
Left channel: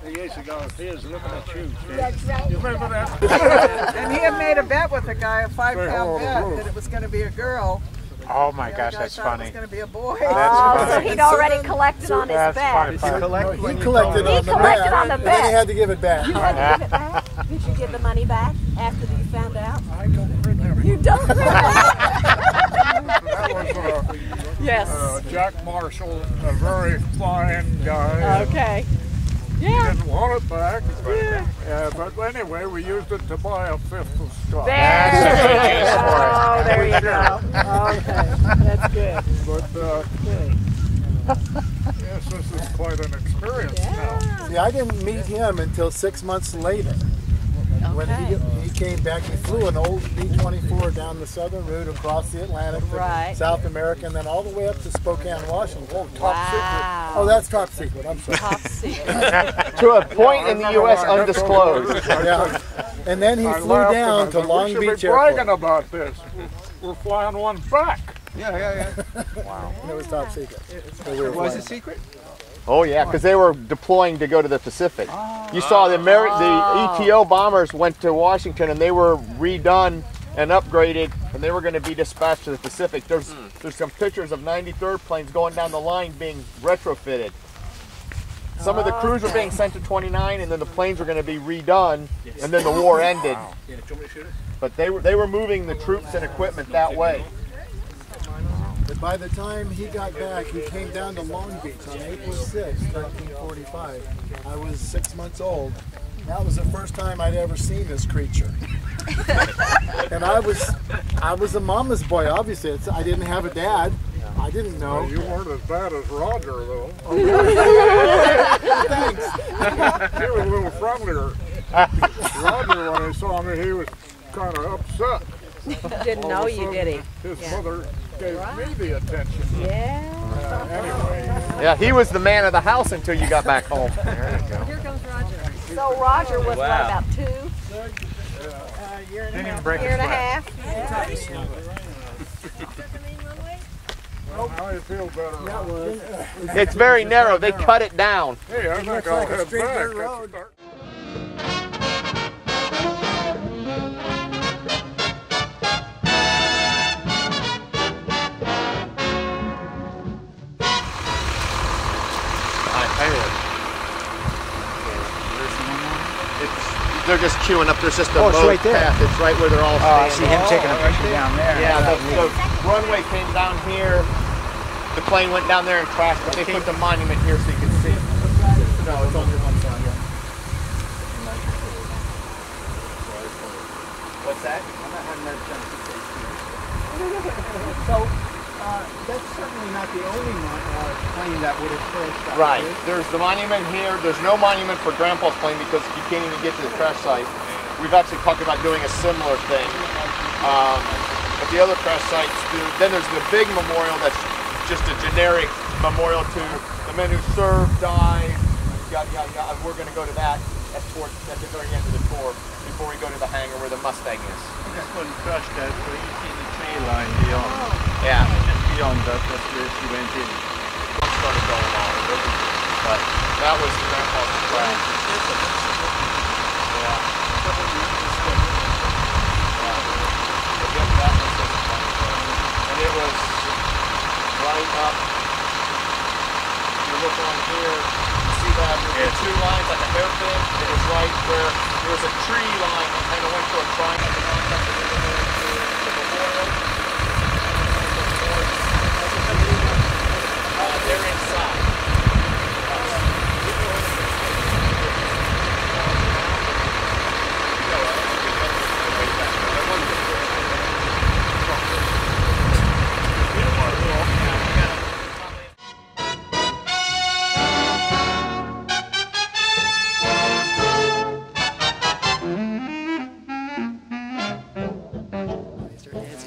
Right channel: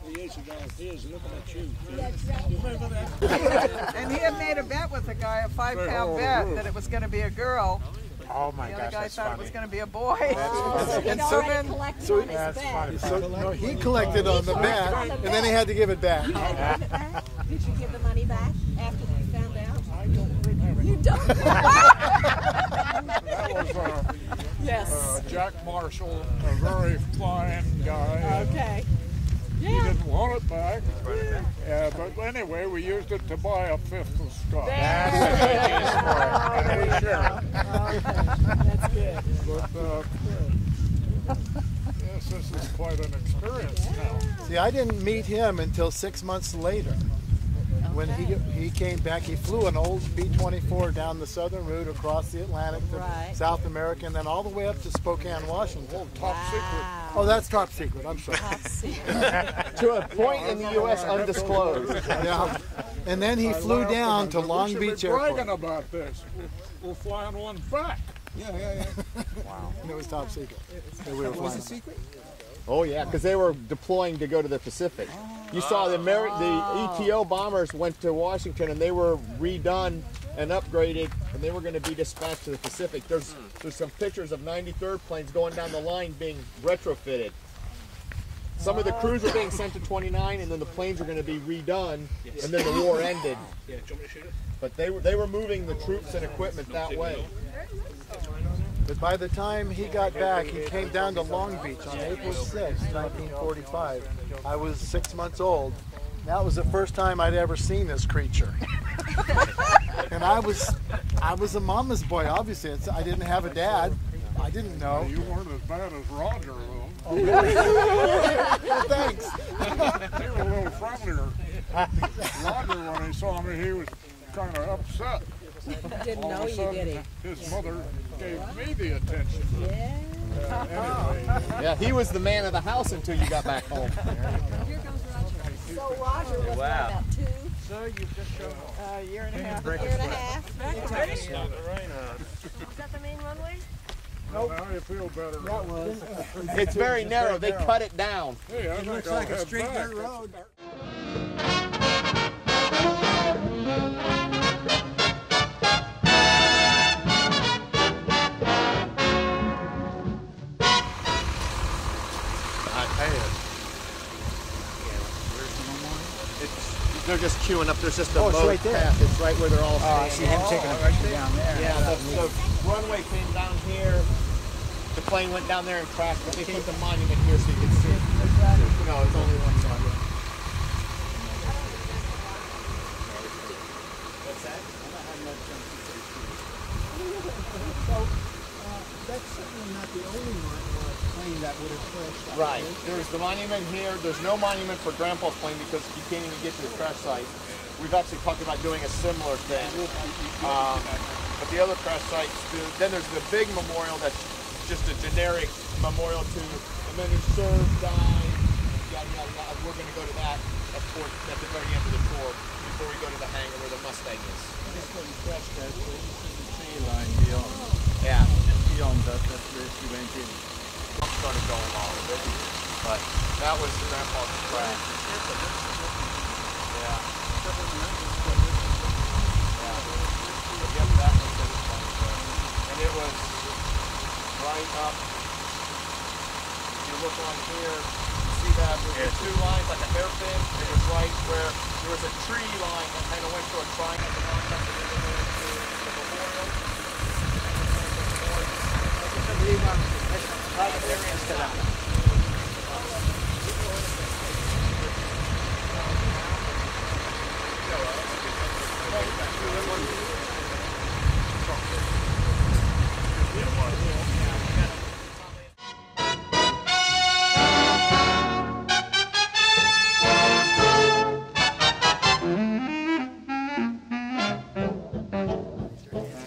Years ago, he was looking at you. That's right. You remember that? And he had made a bet with a guy, a 5-pound bet, that it was going to be a girl. Oh my gosh, that's It funny. was going to be a boy. So he'd already collected on his That's bet. funny. He collected on the bet, on the and then he bet. had to give it back. You had to give it back? Did you give the money back after you found out? I don't remember. You don't remember? That was Yes. Jack Marshall, a very fine guy. Okay. He didn't want it back. Yeah, but anyway, we used it to buy a 5th of stock. Oh, there you go. Okay, that's good. But yes, this is quite an experience now. See, I didn't meet him until 6 months later. When he came back, he flew an old B-24 down the southern route across the Atlantic to South America, and then all the way up to Spokane, Washington. Oh, top secret. Oh, that's top secret. I'm sorry. Top secret. To a point in the U.S. undisclosed. Yeah. And then he flew down to Long Beach We should be Airport. bragging about this. We're flying one back. Wow. And it was top secret. So was it secret? Oh yeah, because they were deploying to go to the Pacific. You saw the ETO bombers went to Washington, and they were redone and upgraded, and they were going to be dispatched to the Pacific. There's some pictures of 93rd planes going down the line being retrofitted. Some of the crews were being sent to 29, and then the planes were going to be redone, and then the war ended. But they were moving the troops and equipment that way. But by the time he got back, he came down to Long Beach on April 6, 1945. I was 6 months old. That was the first time I'd ever seen this creature. And I was a mama's boy, obviously. I didn't have a dad. I didn't know. Well, you weren't as bad as Roger, though. Thanks. He was a little friendlier. Roger, when he saw me, he was kind of upset. Didn't know you, did he? His mother gave me the attention. Yeah. Anyway. Yeah, he was the man of the house until you got back home. There you go. Here goes Roger. So Roger was what, Wow. about 2? Year and a half. Well, now you feel better. It's very narrow. They cut it down. Hey, I think I'll head back. They're just queuing up. There's just a Oh, it's mowed right there. path. It's right where they're all Oh, I standing. see him taking a picture down there. Yeah, the runway came down here. The plane went down there and crashed, but they put the monument here so you can see. No, it's only one side. Yeah. What's that? So, that's certainly not the only plane that would have crashed. Right. There's the monument here. There's no monument for Grandpa's plane because you can't even get to the crash site. We've actually talked about doing a similar thing. But the other crash sites do. Then there's the big memorial that's just a generic memorial to the men who served, died, yada, yada, yada. We're going to go to that at the very end of the tour before we go to the hangar where the Mustang is. This one crashed out, so you see the tree line beyond. Yeah. Just beyond that, that's where she went in. Started going on, but that was Grandpa's crash. And it was right up. You look on here, you see that there's 2 lines like a hairpin. It was right where there was a tree line that kind of went to a triangle. They're inside.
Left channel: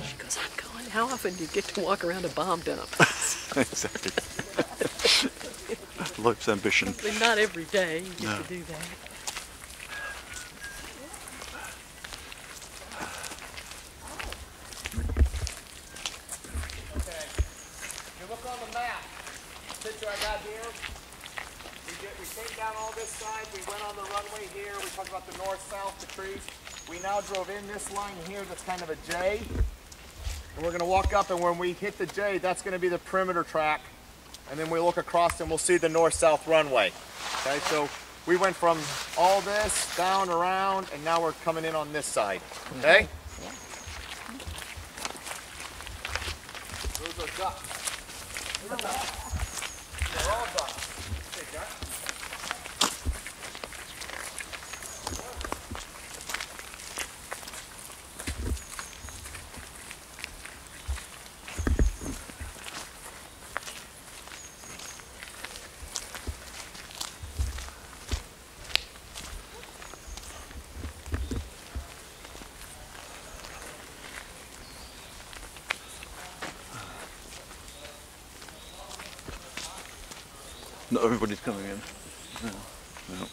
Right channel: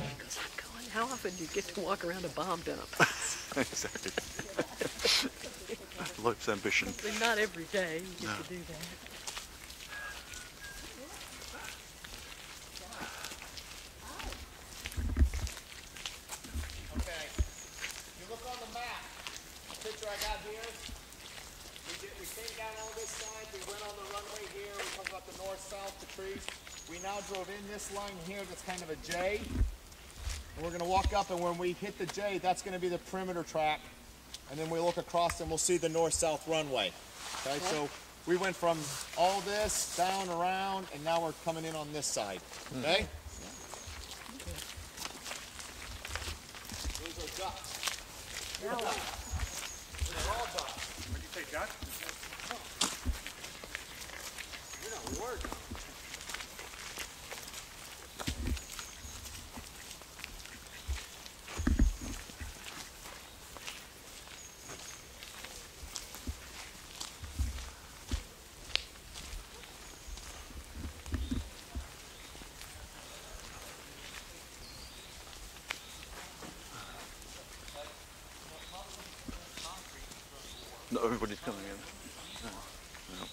She goes, I'm going. How often do you get to walk around a bomb dump? Exactly. Life's ambition. Not every day you get No. to do that. Okay. You look on the map. Picture I got here. We came down all this side. We went on the runway here. We talked about the north, south, the trees. We now drove in this line here that's kind of a J. And we're going to walk up, and when we hit the J, that's going to be the perimeter track. And then we look across and we'll see the north-south runway. Okay, so we went from all this down, around, and now we're coming in on this side. Okay? Those are ducks. They're all ducks. Hey, duck. Not everybody's coming in. No. No.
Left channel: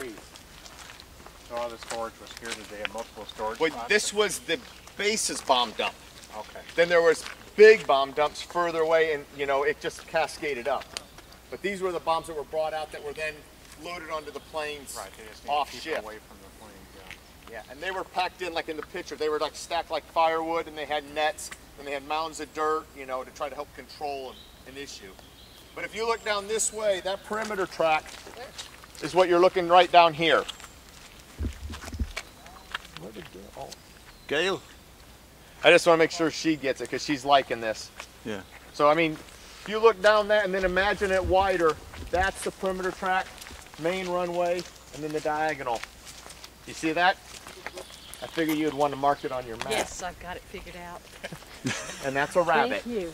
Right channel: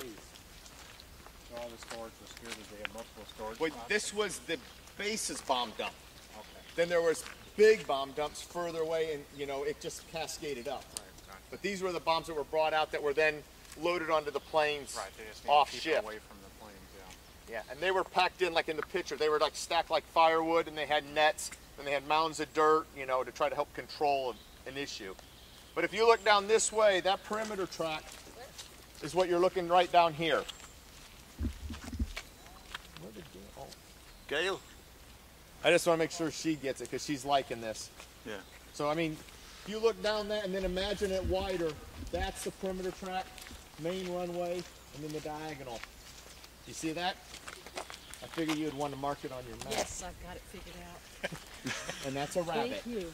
trees. So all the storage was here today, had multiple storage But spots? this was the base's bomb dump. Okay. Then there was big bomb dumps further away, and you know, it just cascaded up. But these were the bombs that were brought out that were then loaded onto the planes They just need off to keep ship. away from the planes, Yeah, and they were packed in like in the picture. They were like stacked like firewood, and they had nets, and they had mounds of dirt, you know, to try to help control an issue. But if you look down this way, that perimeter track is what you're looking right down here. Where did Gail? I just want to make sure she gets it because she's liking this. Yeah. So I mean, if you look down that and then imagine it wider, that's the perimeter track, main runway, and then the diagonal. You see that? I figured you'd want to mark it on your map. Yes, I've got it figured out. And that's a rabbit. Thank you.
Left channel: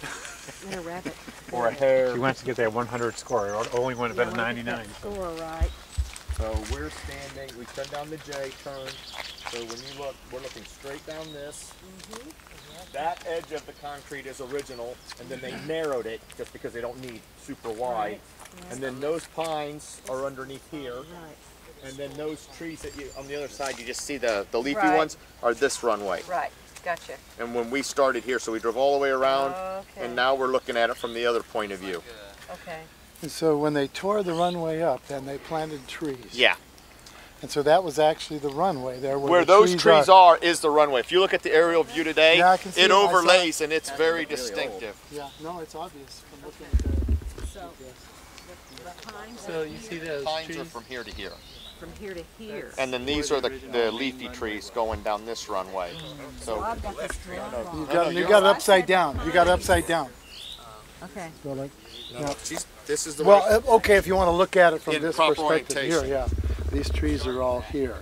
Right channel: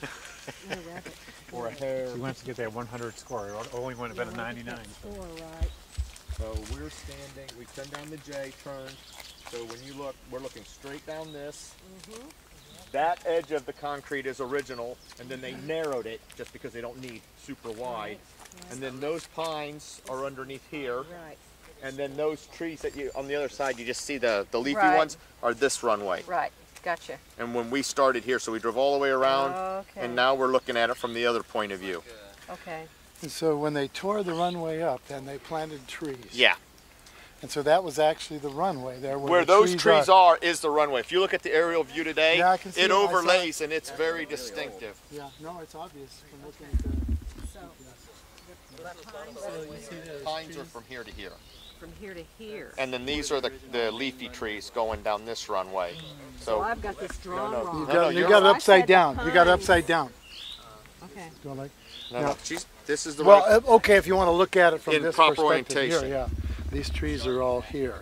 And a rabbit. Or a hare. She wants to get that 100 score. It only went about a 99. Score right. So we're standing, we turn down the J, turn. So when you look, we're looking straight down this. That edge of the concrete is original, and then they narrowed it just because they don't need super wide. And then those pines are underneath here. And then those trees that you, on the other side, you just see the leafy ones, are this runway. Right, gotcha. And when we started here, so we drove all the way around, and now we're looking at it from the other point of view. Okay. And so when they tore the runway up, then they planted trees. Yeah. And so that was actually the runway there. Where those trees are is the runway. If you look at the aerial view today, Yeah, I can see it it. I saw overlays it. and it's very distinctive. Yeah, no, it's obvious from looking at the... So, the pines So you see those Pines trees? are from here to here. from here to here. And then these are the leafy trees going down this runway. So I've got this You got it upside down. You got it upside down. Okay. So like, this is the well, way. okay, if you want to look at it from In this proper perspective here, orientation. yeah. These trees are all here.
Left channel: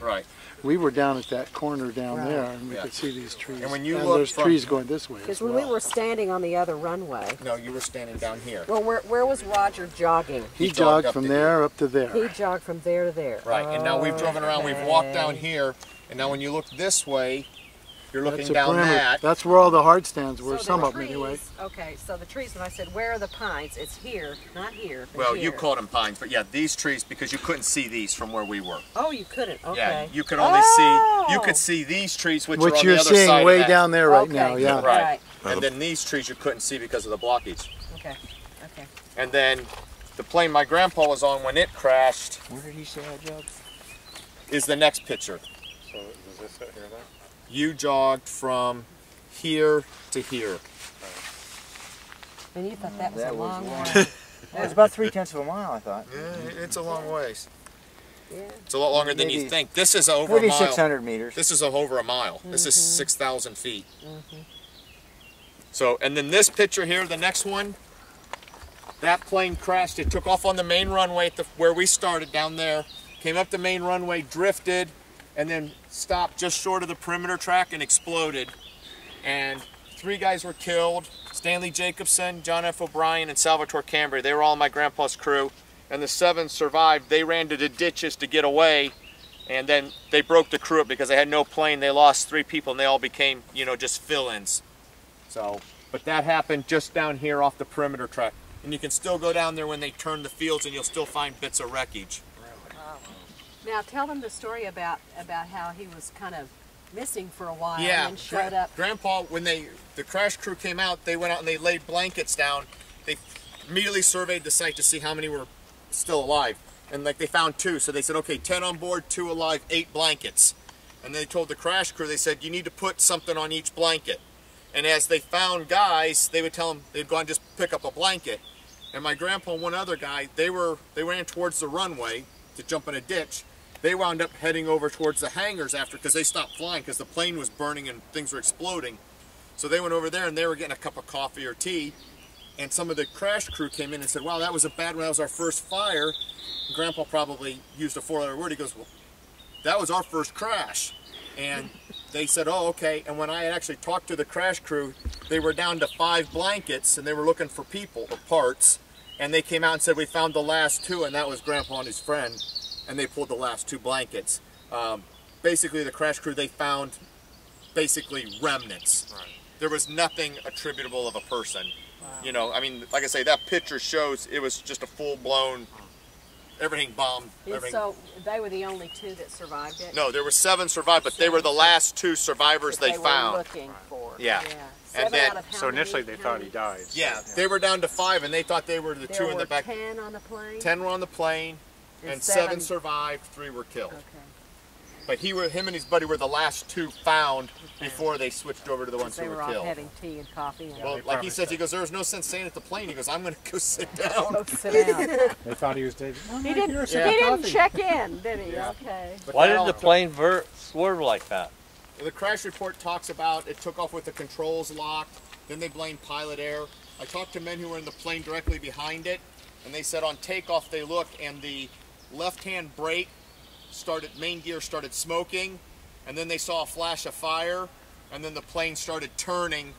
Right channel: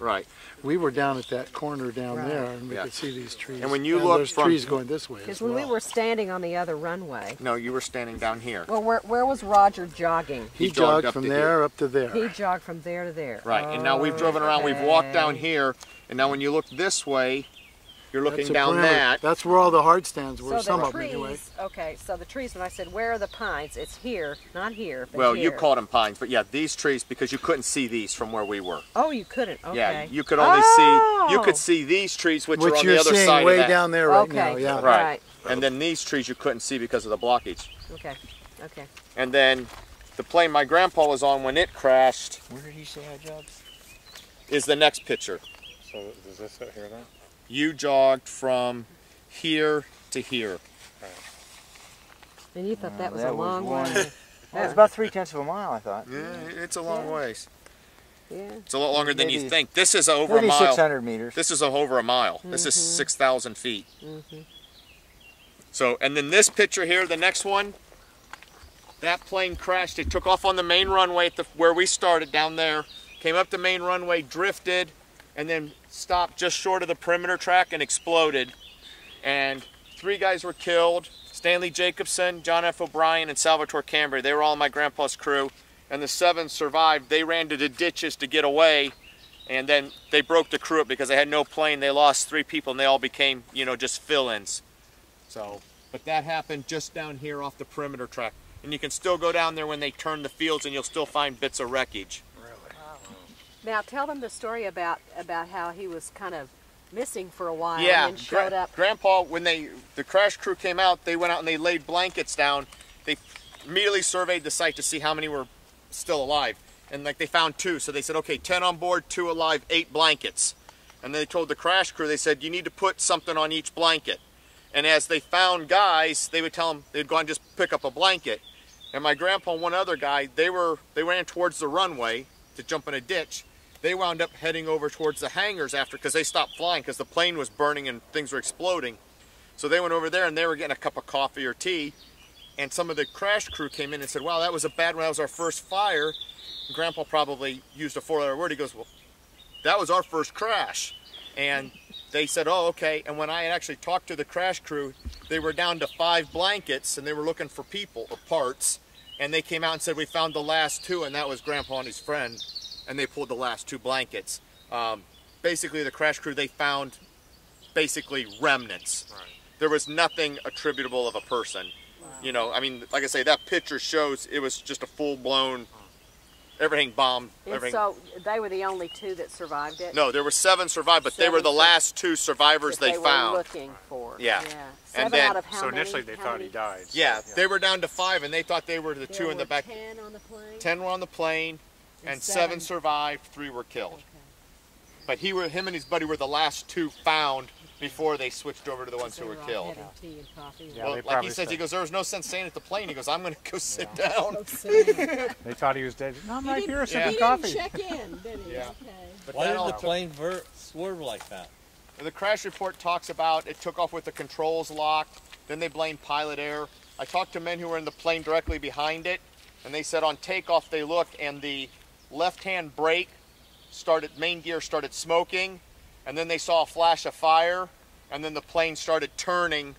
Right. We were down at that corner down there, and we could see these trees. And when you look there's from- trees going this way. Because as when well. we were standing on the other runway, No, you were standing down here. well, where was Roger jogging? He jogged jogged up from to there up to there. He jogged from there to there. Right. And now we've driven around, we've walked down here, and now when you look this way, you're looking That's a down perimeter. that. That's where all the hard stands were, So some the of them trees, anyway. Okay, so the trees, when I said, where are the pines? It's here, not here, but Well, here. you called them pines, but yeah, these trees, because you couldn't see these from where we were. Oh, you couldn't, okay. Yeah, you could only you could see these trees, which are on you're the other seeing side way of that. down there right Okay, now, yeah. Right. And then these trees you couldn't see because of the blockage. Okay, okay. And then the plane my grandpa was on when it crashed Where did he say I jogged? is the next picture. So is this it here then? You jogged from here to here. And you thought that was a long way. It was about 3/10 of a mile, I thought. Yeah, it's a long ways. Yeah. It's a lot longer than you Maybe- think. This is over Maybe a mile. 600 meters. This is over a mile. This is 6,000 feet. So, and then this picture here, the next one, that plane crashed. It took off on the main runway at where we started down there, came up the main runway, drifted, and then stopped just short of the perimeter track and exploded. And 3 guys were killed: Stanley Jacobson, John F. O'Brien, and Salvatore Cambria. They were all my grandpa's crew. And the 7 survived. They ran to the ditches to get away, and then they broke the crew up because they had no plane. They lost 3 people, and they all became, you know, just fill-ins. So, but that happened just down here off the perimeter track. And you can still go down there when they turn the fields, and you'll still find bits of wreckage. Now tell them the story about how he was kind of missing for a while Yeah, and then showed up. Grandpa, when the crash crew came out, they went out and they laid blankets down. They immediately surveyed the site to see how many were still alive. And like they found 2, so they said, okay, 10 on board, 2 alive, 8 blankets. And they told the crash crew, they said, you need to put something on each blanket. And as they found guys, they would tell them they'd go and just pick up a blanket. And my grandpa and one other guy, they ran towards the runway to jump in a ditch. They wound up heading over towards the hangars after, because they stopped flying because the plane was burning and things were exploding. So they went over there and they were getting a cup of coffee or tea. And some of the crash crew came in and said, wow, that was a bad one. That was our first fire. And Grandpa probably used a 4-letter word. He goes, well, that was our first crash. And they said, oh, okay. And when I had actually talked to the crash crew, they were down to 5 blankets and they were looking for people or parts. And they came out and said, we found the last 2, and that was Grandpa and his friend. And they pulled the last 2 blankets. Basically, the crash crew, they found basically remnants. Right. There was nothing attributable of a person. Wow. You know, I mean, like I say, that picture shows it was just a full-blown everything bombed. Everything. So they were the only 2 that survived it? No, there were 7 survived, but they were the last 2 survivors they found. Were looking for. Yeah. And then, so initially they thought he died. Yeah, they were down to 5, and they thought they were the 2 in the back. 10 on the plane? 10 were on the plane, and 7 survived, 3 were killed. Okay. But him and his buddy were the last 2 found before they switched over to the ones who were They were all killed. having tea and coffee. And Well, like he says, he goes, there was no sense staying at the plane. He goes, I'm going to go sit down. Go sit down. They thought he was dead. He didn't check in, did he? Yeah. Okay. But Why did the plane swerve like that? The crash report talks about it took off with the controls locked. Then they blamed pilot error. I talked to men who were in the plane directly behind it, and they said on takeoff they looked and the left-hand brake main gear started smoking, and then they saw a flash of fire, and then the plane started turning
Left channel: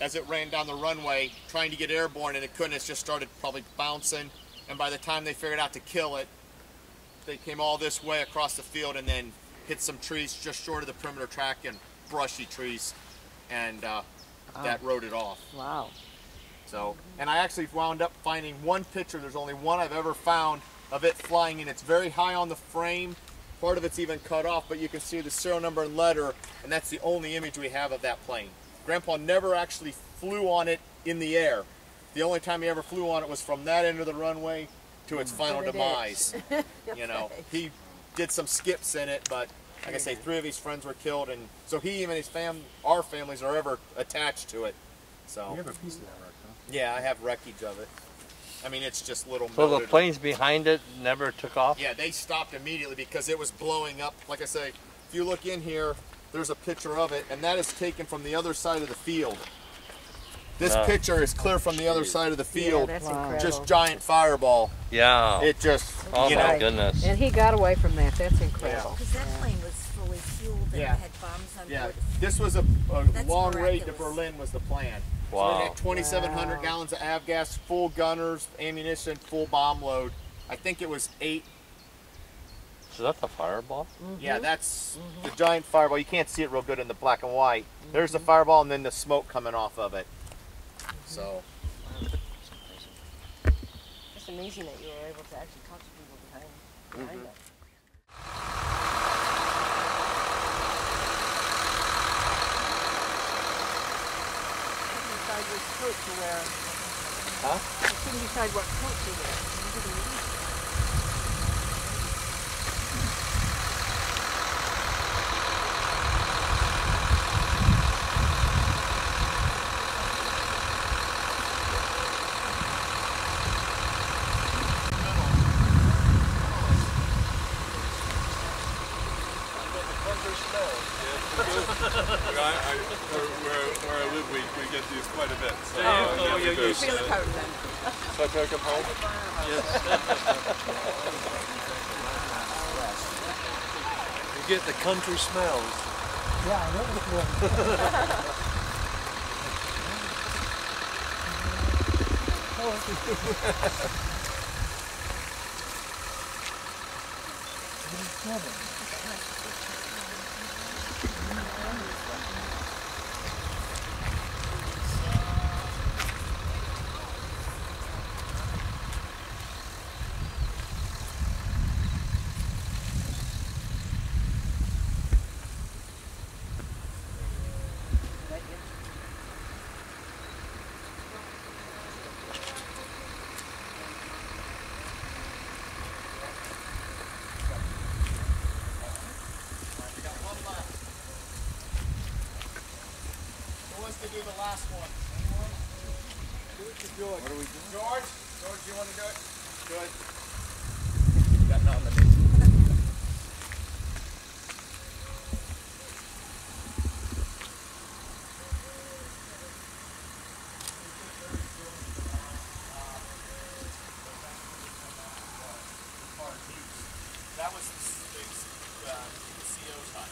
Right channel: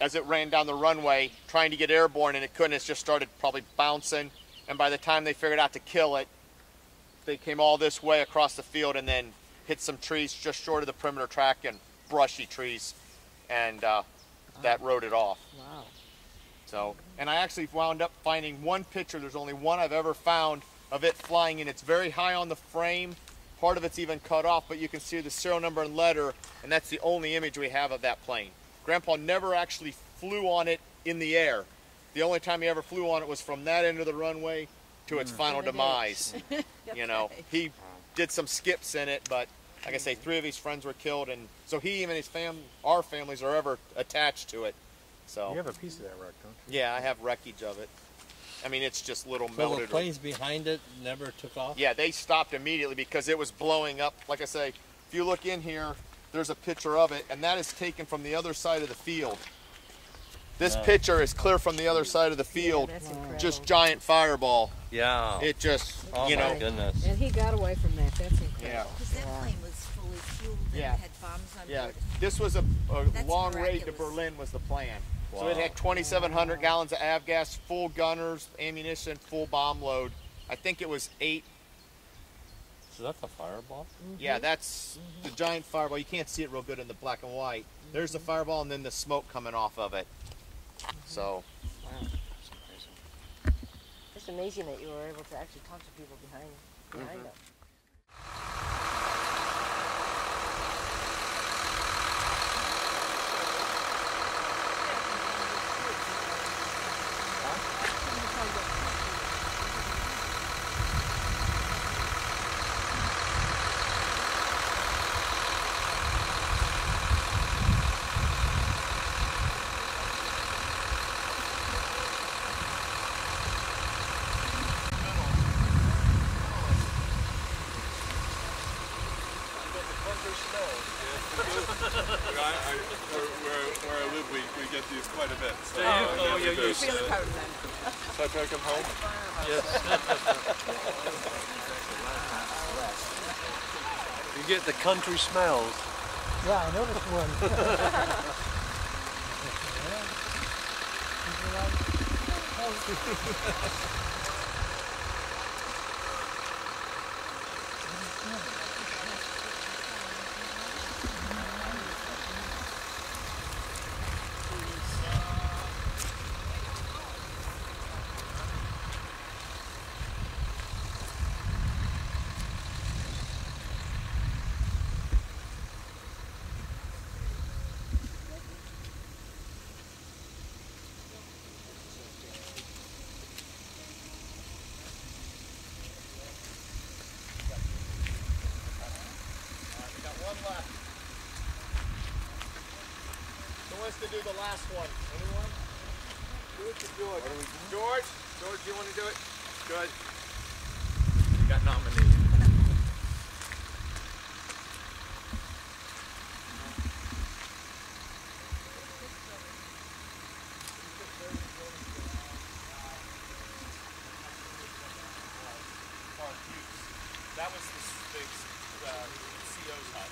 as it ran down the runway trying to get airborne, and it couldn't. It just started probably bouncing, and by the time they figured out to kill it, they came all this way across the field and then hit some trees just short of the perimeter track and brushy trees, and that rode it off. Wow. So, and I actually wound up finding one picture. There's only one I've ever found of it flying, and it's very high on the frame. Part of it's even cut off, but you can see the serial number and letter, and that's the only image we have of that plane. Grandpa never actually flew on it in the air. The only time he ever flew on it was from that end of the runway to its final demise. You know, he did some skips in it, but like I say, 3 of his friends were killed, and so he and his our families are ever attached to it. So You have a piece of that wreck, huh? yeah, I have wreckage of it. I mean, it's just little. So the planes behind it never took off? Yeah, they stopped immediately because it was blowing up. Like I say, if you look in here, there's a picture of it, and that is taken from the other side of the field. This picture is clear from the other side of the field. Yeah, that's incredible. Just giant fireball. Yeah. It just, oh my goodness. And he got away from that. That's incredible. Because that plane was fully fueled and had bombs on board. This was a long raid to Berlin was the plan. Wow. So it had 2,700 gallons of avgas, full gunners, ammunition, full bomb load. I think it was 8. So that's a fireball? Yeah, that's the giant fireball. You can't see it real good in the black and white. There's the fireball and then the smoke coming off of it. So. It's amazing that you were able to actually talk to people behind it. Decide which coat to wear. Huh? I couldn't decide what coat to wear. Where I live, we get these quite a bit. So, you feel the coat then. So I take them home? Yes. You get the country smells. Yeah, I know To do the last one. What are we doing? George, you want to do it? Good. Got nominated. That was the CO's hut.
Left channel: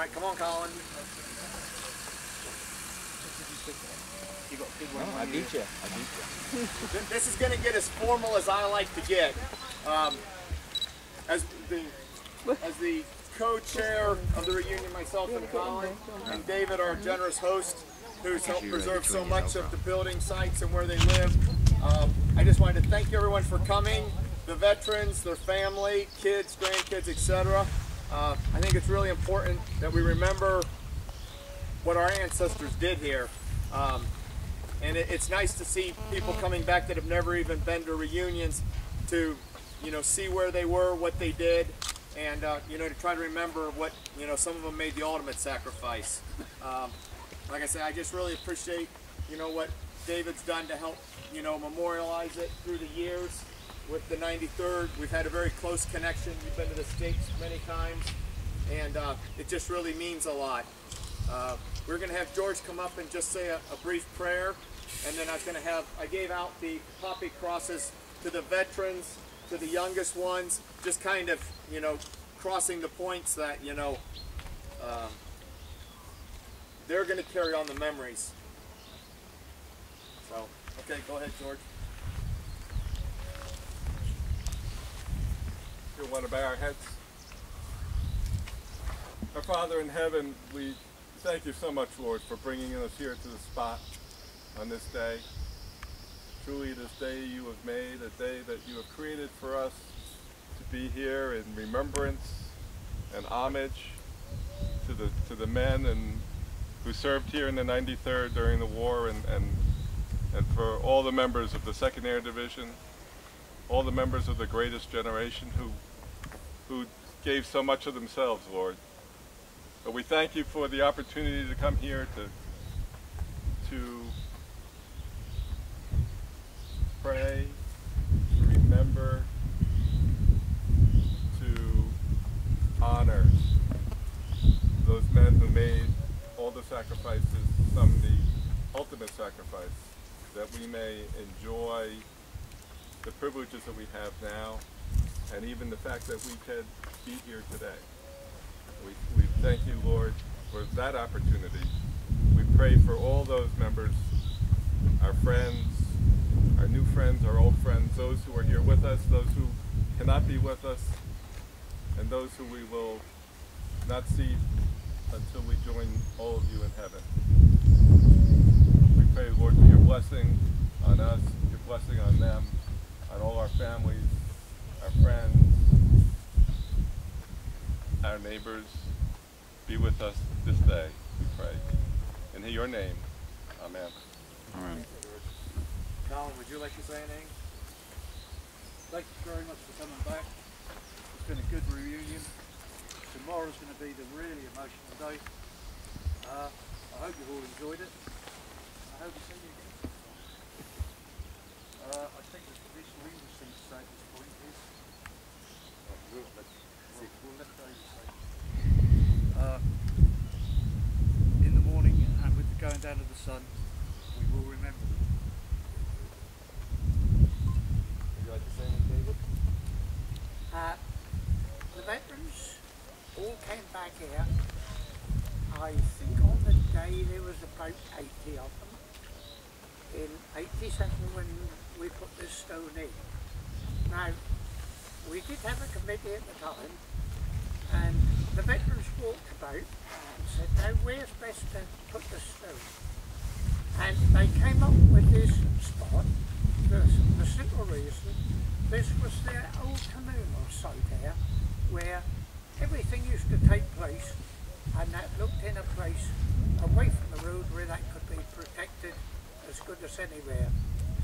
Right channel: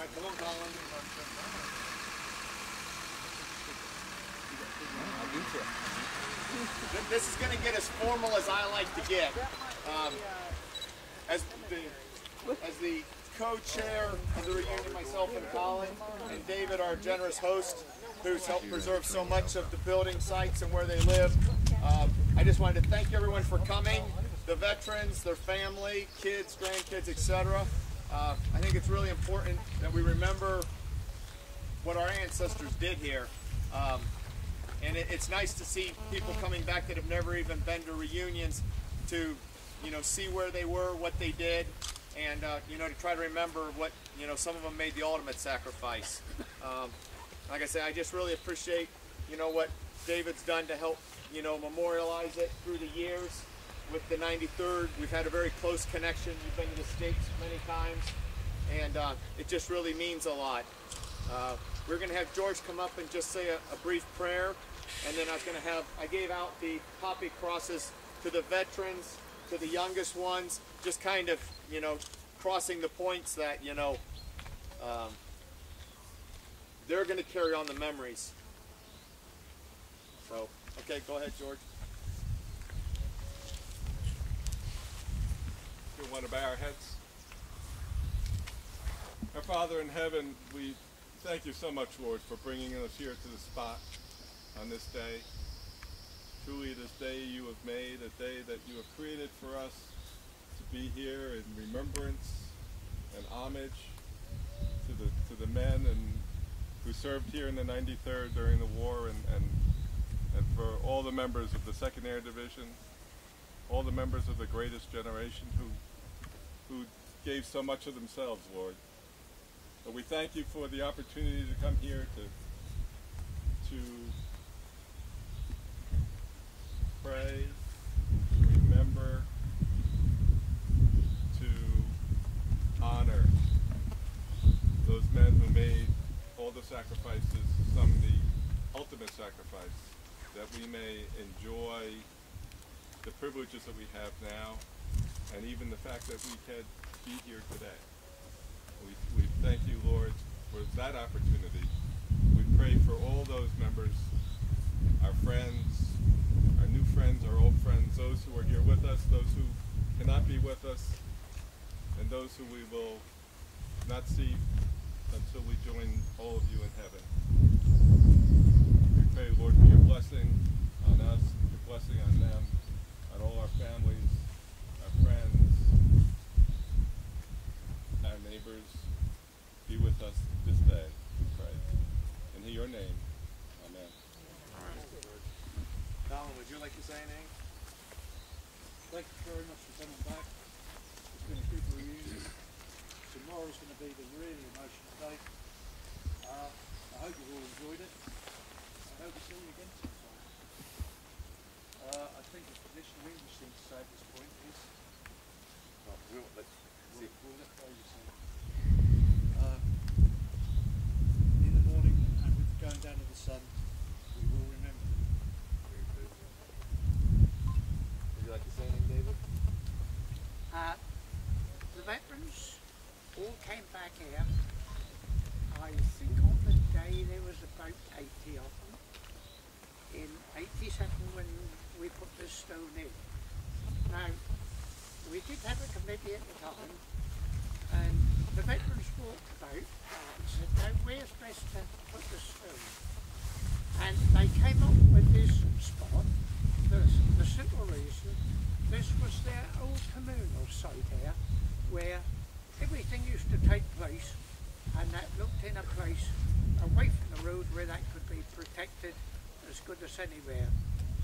right, come on, Colin. You got a big one. I beat you. I beat you. This is going to get as formal as I like to get. As the co-chair of the reunion, myself and Colin, and David, our generous host, who's helped preserve so much of the building sites and where they live. I just wanted to thank everyone for coming, the veterans, their family, kids, grandkids, etc. I think it's really important that we remember what our ancestors did here. And it's nice to see people coming back that have never even been to reunions to, see where they were, what they did, and, to try to remember what, some of them made the ultimate sacrifice. Like I said, I just really appreciate, what David's done to help, memorialize it through the years with the 93rd. We've had a very close connection. We've been to the States many times, and it just really means a lot. We're going to have George come up and just say a brief prayer, and then I gave out the poppy crosses to the veterans, to the youngest ones, just kind of, crossing the points that, they're going to carry on the memories. So, okay, go ahead, George. You want to bow our heads? Our Father in heaven, we thank you so much, Lord, for bringing us here to the spot on this day. Truly this day you have made, a day that you have created for us to be here in remembrance and homage to the men who served here in the 93rd during the war, and for all the members of the 2nd Air Division, all the members of the greatest generation who gave so much of themselves, Lord. But we thank you for the opportunity to come here to pray, to remember, to honor those men who made all the sacrifices, some the ultimate sacrifice, that we may enjoy the privileges that we have now, and even the fact that we could be here today. We thank you, Lord, for that opportunity. We pray for all those members, our friends, our new friends, our old friends, those who are here with us, those who cannot be with us, and those who we will not see until we join all of you in heaven. We pray, Lord, for your blessing on us, your blessing on them, on all our families, our friends, our neighbors. Be with us this day, we pray. In your name, amen. Amen. Colin, would you like to say anything? Thank you very much for coming back. It's been a good reunion. Tomorrow's going to be the really emotional day. I hope you've all enjoyed it. I hope to see you again. I think the traditional English thing to say at this point is, we'll let David say. In the morning and with the going down of the sun, we will remember them. Would you like to say anything, David? The veterans all came back here. I think on the day there was about 80 of them. In 87 when we put this stone in. Now, we did have a committee at the time, and the veterans walked about and said, now where's best to put the stone? And they came up with this spot. The simple reason, this was their old communal site here, where everything used to take place, and that looked in a place away from the road where that could be protected as good as anywhere.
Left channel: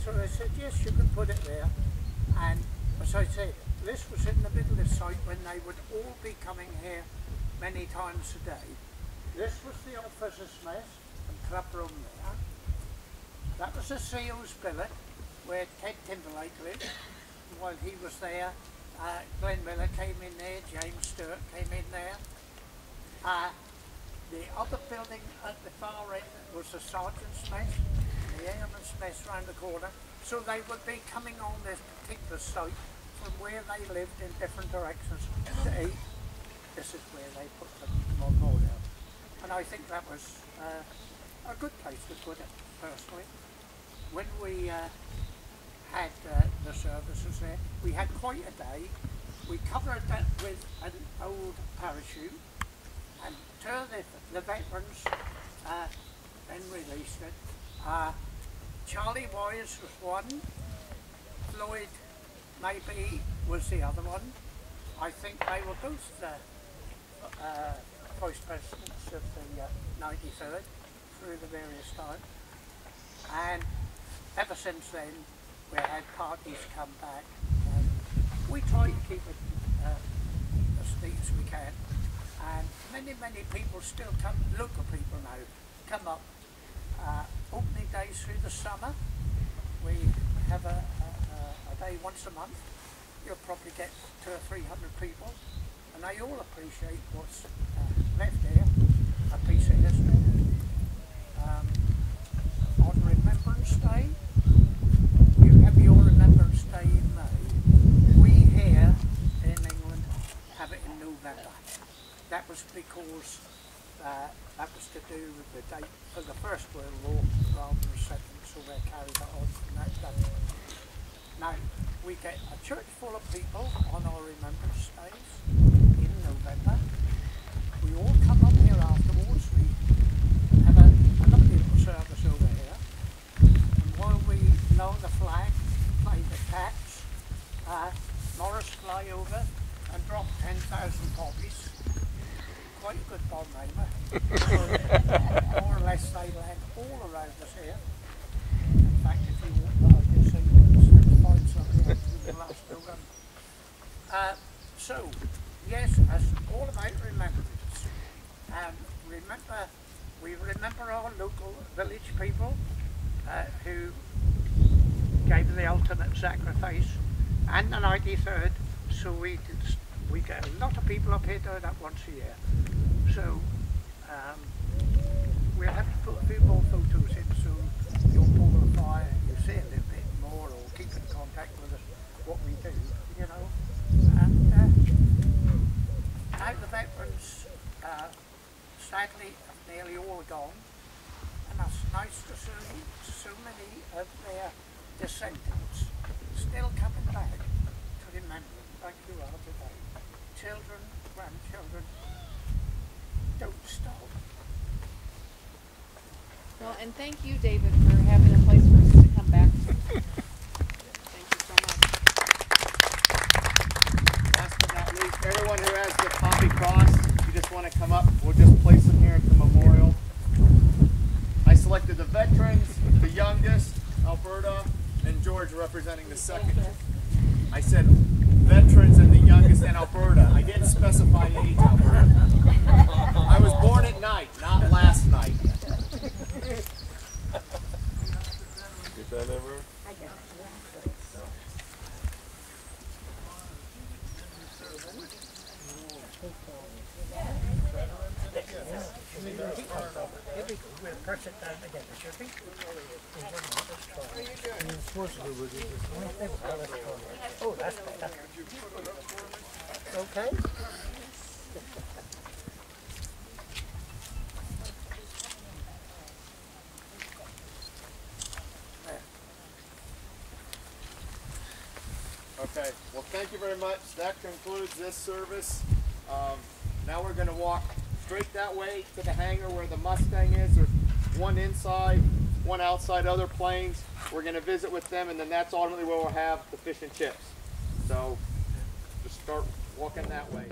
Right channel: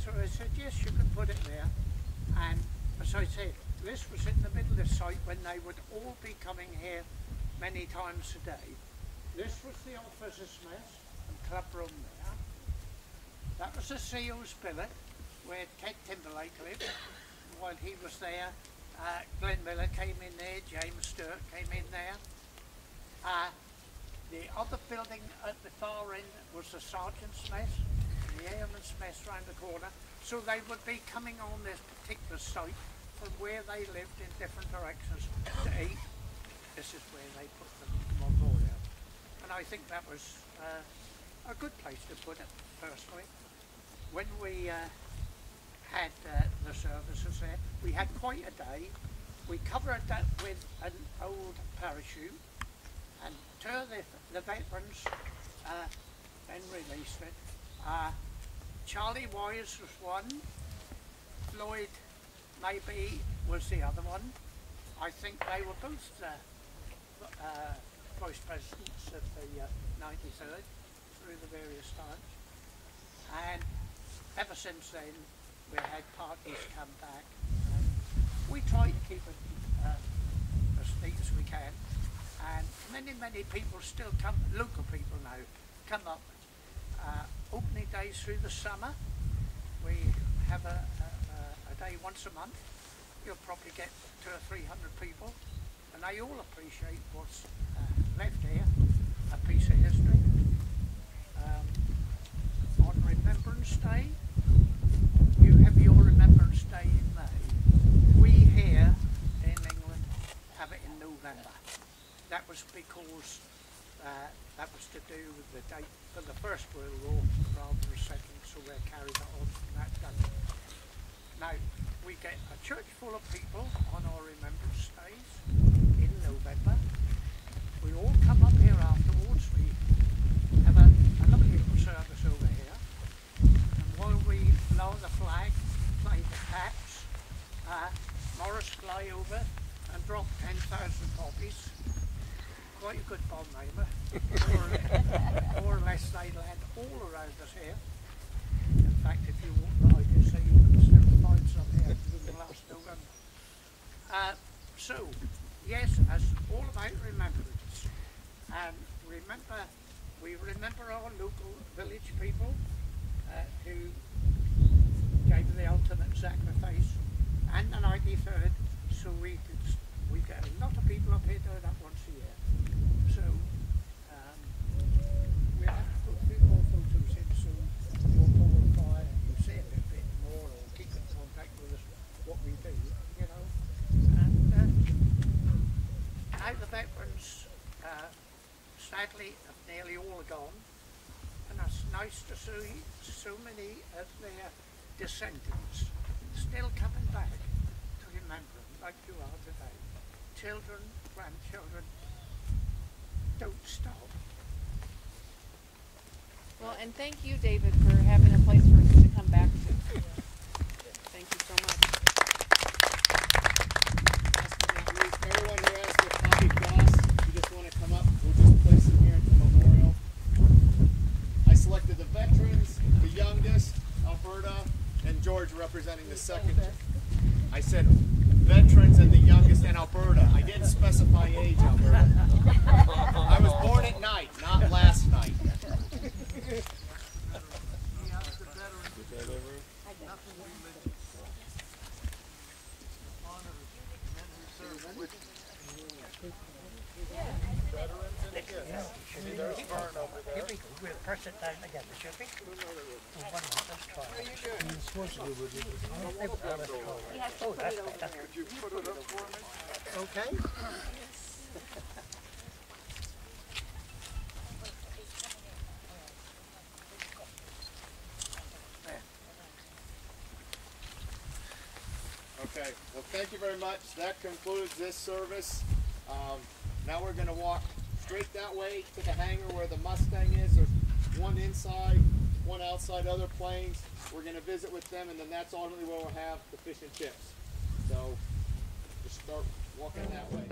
So they said, yes, you can put it there. And as I said, this was in the middle of the site when they would all be coming here many times a day. This was the officers' mess and club room there. That was the SEALs billet where Ted Timberlake lived. While he was there, Glenn Miller came in there, James Stewart came in there. The other building at the far end was the sergeant's mess, the airman's mess round the corner. So they would be coming on this particular site from where they lived in different directions to eat. This is where they put the memorial. I think that was a good place to put it, personally. When we had the services there, we had quite a day. We covered that with an old parachute, and till the veterans then released it. Charlie Wise was one, Floyd maybe was the other one. I think they were both the vice presidents of the 93rd through the various times. And ever since then, we had parties come back. And we try to keep it as neat as we can. And many people still come, local people now, come up. Opening days through the summer, we have a day once a month. You'll probably get 200 or 300 people, and they all appreciate what's left there, a piece of history. On Remembrance Day, you have your Remembrance Day in May. We here in England have it in November. That was because that was to do with the date for the First World War rather than the Second, so they carried it on from that date. Now, we get a church full of people on our Remembrance Days in November. We all come up here afterwards. We have a lovely little service over here. And while we lower the flag, play the taps, Morris fly over and drop 10,000 poppies. Quite a good bomb aimer. More or less they land all around us here. In fact, if you walk by, you'll see find something in the last November. So, yes, it's all about remembrance. And we remember our local village people who gave the ultimate sacrifice, and the 93rd, so we get a lot of people up here doing that once a year. So we'll have to put a few more photos in so you'll pull the fire and you see a little bit more, or keep in contact with us, what we do, you know. And now the veterans sadly have nearly all gone, and it's nice to see so many of their descendants still coming back to remember like you are today. Children, grandchildren, don't stop. Well, and thank you, David, for having a place for us to come back to. Thank you so much. Last but not least, everyone who has the poppy cross, if you just want to come up, we'll just place them here at the memorial. I selected the veterans, the youngest, Alberta, and George representing the second. I said veterans and the youngest and Alberta. I didn't specify age, Alberta. I was born at night, not last night. Get that ever? Oh, that's better. Okay. Okay, well thank you very much. That concludes this service. Now we're going to walk straight that way to the hangar where the Mustang is. There's one inside, one outside, other planes. We're going to visit with them, and then that's ultimately where we'll have the fish and chips. So just start walking that way.